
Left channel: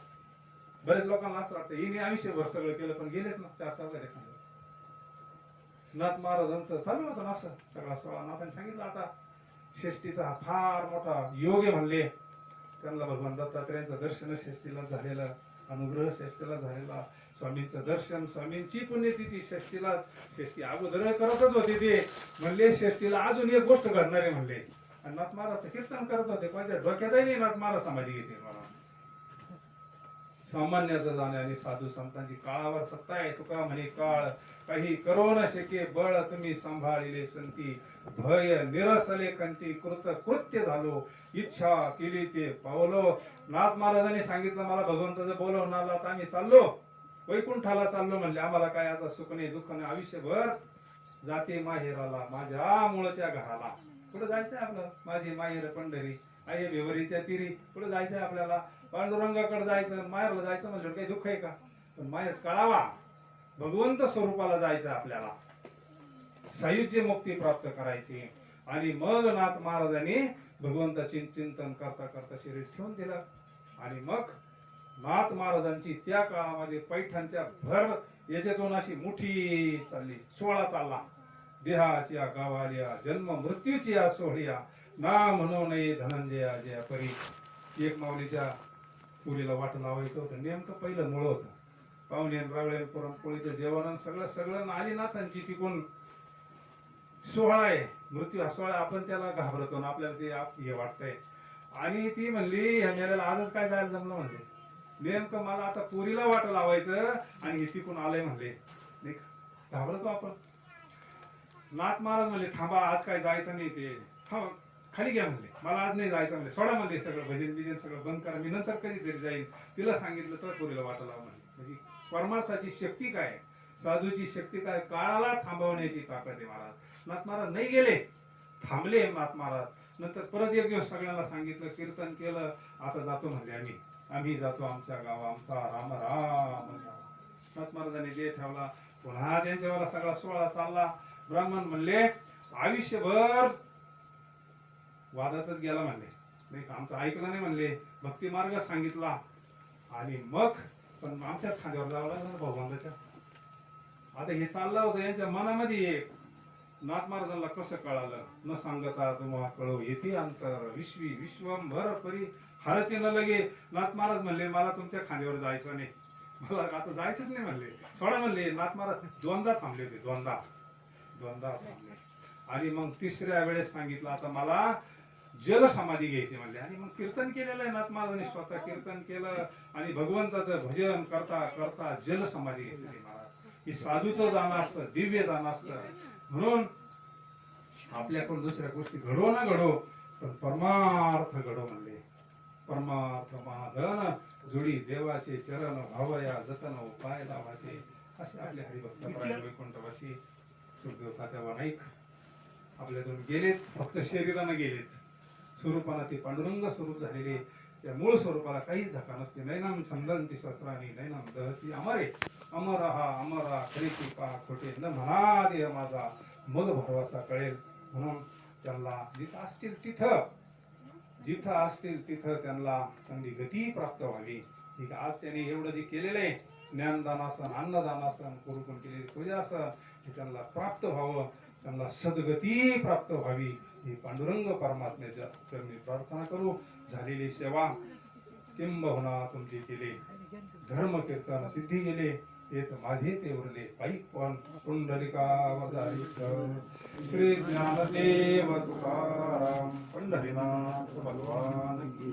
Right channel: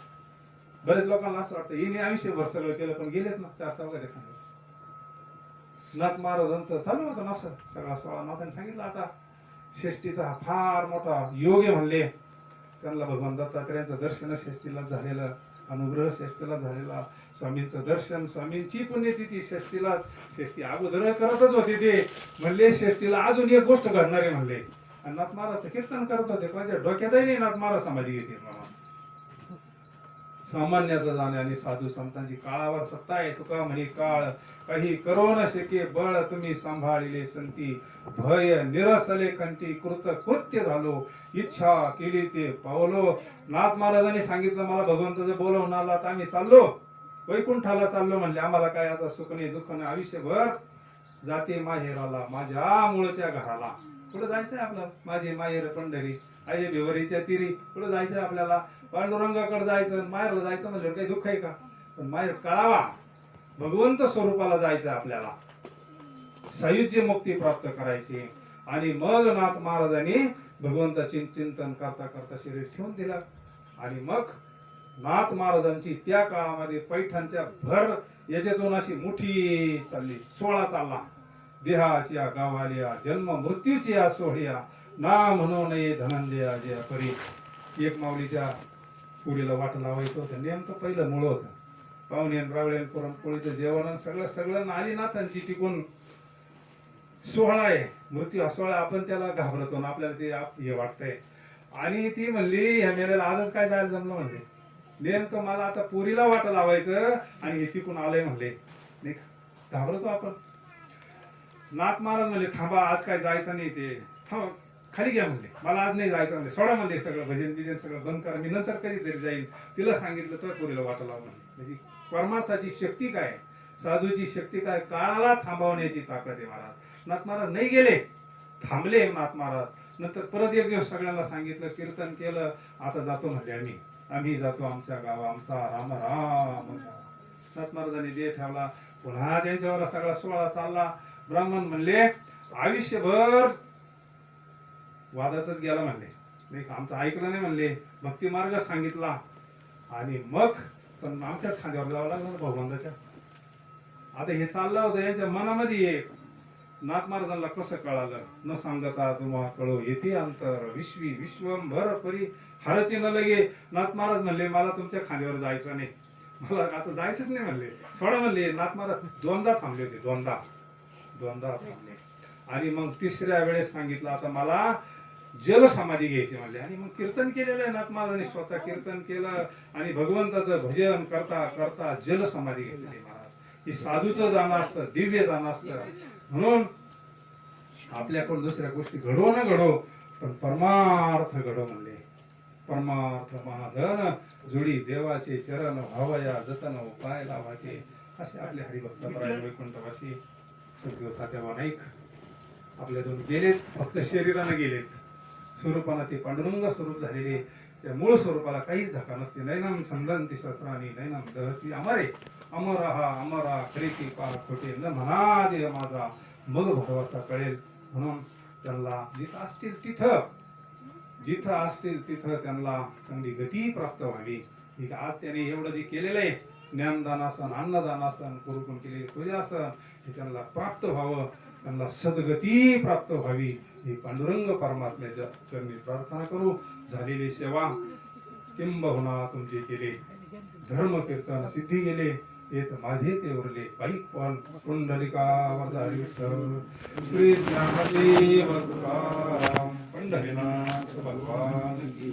बरेच लोकांना असं वाटतं हिने आयुष्यभर सगळं केलं पण गेलेच ना 4 चौघात एखाद्या. नाथ महाराजांचं चालू होतं ना असं सगळा 16 नाथांनी सांगितलं. आता षष्टीचा फार मोठा योग आहे म्हणले. त्यांना भगवान दत्तात्रेयांचं दर्शन षष्टीला झालेलं अनुग्रह षष्टीला झालेला. स्वामींचं दर्शन स्वामींची पुण्यतिथी षष्टीला. षष्टी अगोदर करतच होते ते म्हणले षष्टीला अजून एक गोष्ट घडणार आहे म्हणले. आणि नाथ महाराज कीर्तन करत होते कोणाच्या डोक्यातही नाही नाथ महाराज समाधी घेते. सामान्याचं जाणे आणि साधू संतांची काळावर सत्ता आहे. तुका म्हणे काळ काही करो न शके बळ तुम्ही सांभाळिले संती. भय निरसले कंठी कृत कृत्य झालो इच्छा केली ते पावलो. नाथ महाराजांनी सांगितलं मला भगवंताचं बोलवून आला तर आम्ही चाललो वैकुंठाला चाललो म्हणले. आम्हाला काय आता सुख नाही दुःख नाही आयुष्यभर जाते माहेराला माझ्या मूळच्या घराला. कुठं जायचंय आपलं. माझी माहेर पंढरी आई भिवरीच्या तिरी. कुठं जायचंय आपल्याला पांडुरंगाकडे जायचं. माहेरला जायचं म्हणजे काही दुःख आहे का. पण माहेर कळावा भगवंत स्वरूपाला जायचं आपल्याला. सायुज्य मुक्ती प्राप्त करायची. आणि मग नाथ महाराजांनी भगवंताचे चिंतन करता करता शरीर ठेवून दिलं. आणि मग नाथ महाराजांची त्या काळामध्ये पैठणच्या भर याच्यातून अशी मुठी चालली 16 चालला. देहाच्या गावाल्या जन्म मृत्यूची सोहळ्या ना म्हणू नये धनंजया जया परी. एक माऊलीच्या पुरीला वाट लावायचं होतं. नेमकं पहिलं मूळ होतं. पाहुणे रावळे पुरणपोळीचं जेवण सगळं सगळं नालीनाथांची टिकून सोहळा आहे. मृत्यू हा सोहळा आपण त्याला घाबरतो ना, आपल्याला ते हे वाटतंय. आणि ती म्हणली ह्या मेल्याला आजच काय जायला जमलं म्हणले. नेमकं मला आता पोरीला वाट लावायचं आणि हे तिकून आलंय म्हणले. नाही घाबरतो आपण. नाथ महाराज म्हणले थांबा आज काय जायचं नाही, ते थांब खाली घ्या म्हणले, मला आज नाही जायचं म्हणले, सोडा म्हणले सगळं भजन बिजन सगळं बंद करा, मी नंतर कधीतरी जाईल. तिला सांगितलं तर पोरीला वाट लावा म्हणले. म्हणजे परमार्थाची शक्ती काय, साधूची शक्ती काय, काळाला थांबवण्याची ताकद आहे महाराज. नाथ महाराज नाही गेले, थांबले नाथ महाराज. नंतर परत एक दिवस सगळ्यांना सांगितलं, कीर्तन केलं, आता जातो म्हणले आम्ही जातो आमच्या गावा, आमचा राम राम. नाथ महाराजांनी देह ठेवला. पुन्हा त्यांच्यावर सगळा सोहळा चालला. ब्राह्मण म्हणले आयुष्यभर वादातच गेला म्हणले, नाही आमचं ऐकलं नाही म्हणले, भक्ती मार्ग सांगितला आणि मग पण आमच्याच खांद्यावर जावं लागलं ना भगवंताच्या. आता हे चाललं होतं यांच्या मनामध्ये. एक नाथ महाराजांना कसं कळालं, न सांगता तुम्हा कळो येथे अंतर विश्वी विश्वंभर परी हरचे न लगे. नाथ महाराज म्हणले मला तुमच्या खांद्यावर जायचं नाही, मला आता जायचंच नाही म्हणले, सोडा म्हणले. नाथ महाराज दोनदा थांबले होते, दोनदा थांबले. आणि मग तिसऱ्या वेळेस सांगितलं आता मला जल समाधी घ्यायची म्हणले. आणि मग कीर्तन केलेलं आहे नाथ महाराजांनी, स्वतः कीर्तन केलं आणि भगवंताचं भजन करता करता जल समाधी घेतली महाराज. ही साधूचं जाणं असतं, दिव्य जाणं असतं. म्हणून आपल्याकडून दुसऱ्या गोष्टी घडो न घडो पण परमार्थ घडो म्हणले. परमार्थ महाधन जुडी देवाचे चरण भावया जतन उपाय लावाचे. असे आपले हरिभक्तपरायण वैकुंठवासी सद्गुरू तात्याबा नाईक आपल्यातून गेलेत, फक्त शरीरानं गेलेत. स्वरूपानं ते पांडुरंग स्वरूप झालेले, त्या मूळ स्वरूपाला काहीच धक्का नसते. नैनम छंदंती शस्त्रानी नैनम दहती अमरे अमरा खरे की पा खोटे न म्हणा देह माझा मग भरवसा कळेल. म्हणून त्यांना जिथं असतील तिथं त्यांना चांगली गती प्राप्त व्हावी. आज त्यांनी एवढं जे केलेलं आहे, ज्ञानदानासन अन्नदानासन करून केलेली पूजासन, हे त्यांना प्राप्त व्हावं, त्यांना सद्गती प्राप्त व्हावी ही पांडुरंग परमात्म्याच्या चरणी प्रार्थना करू. झालेली सेवा किंबहुना तुमचे केले, धर्म कीर्तन सिद्धी गेले, येत माझे ते उरले बाईक पण कुंडलिका वरदारी विठ्ठल श्री ज्ञानदेव तुकाराम पंढरीनाथ भगवान की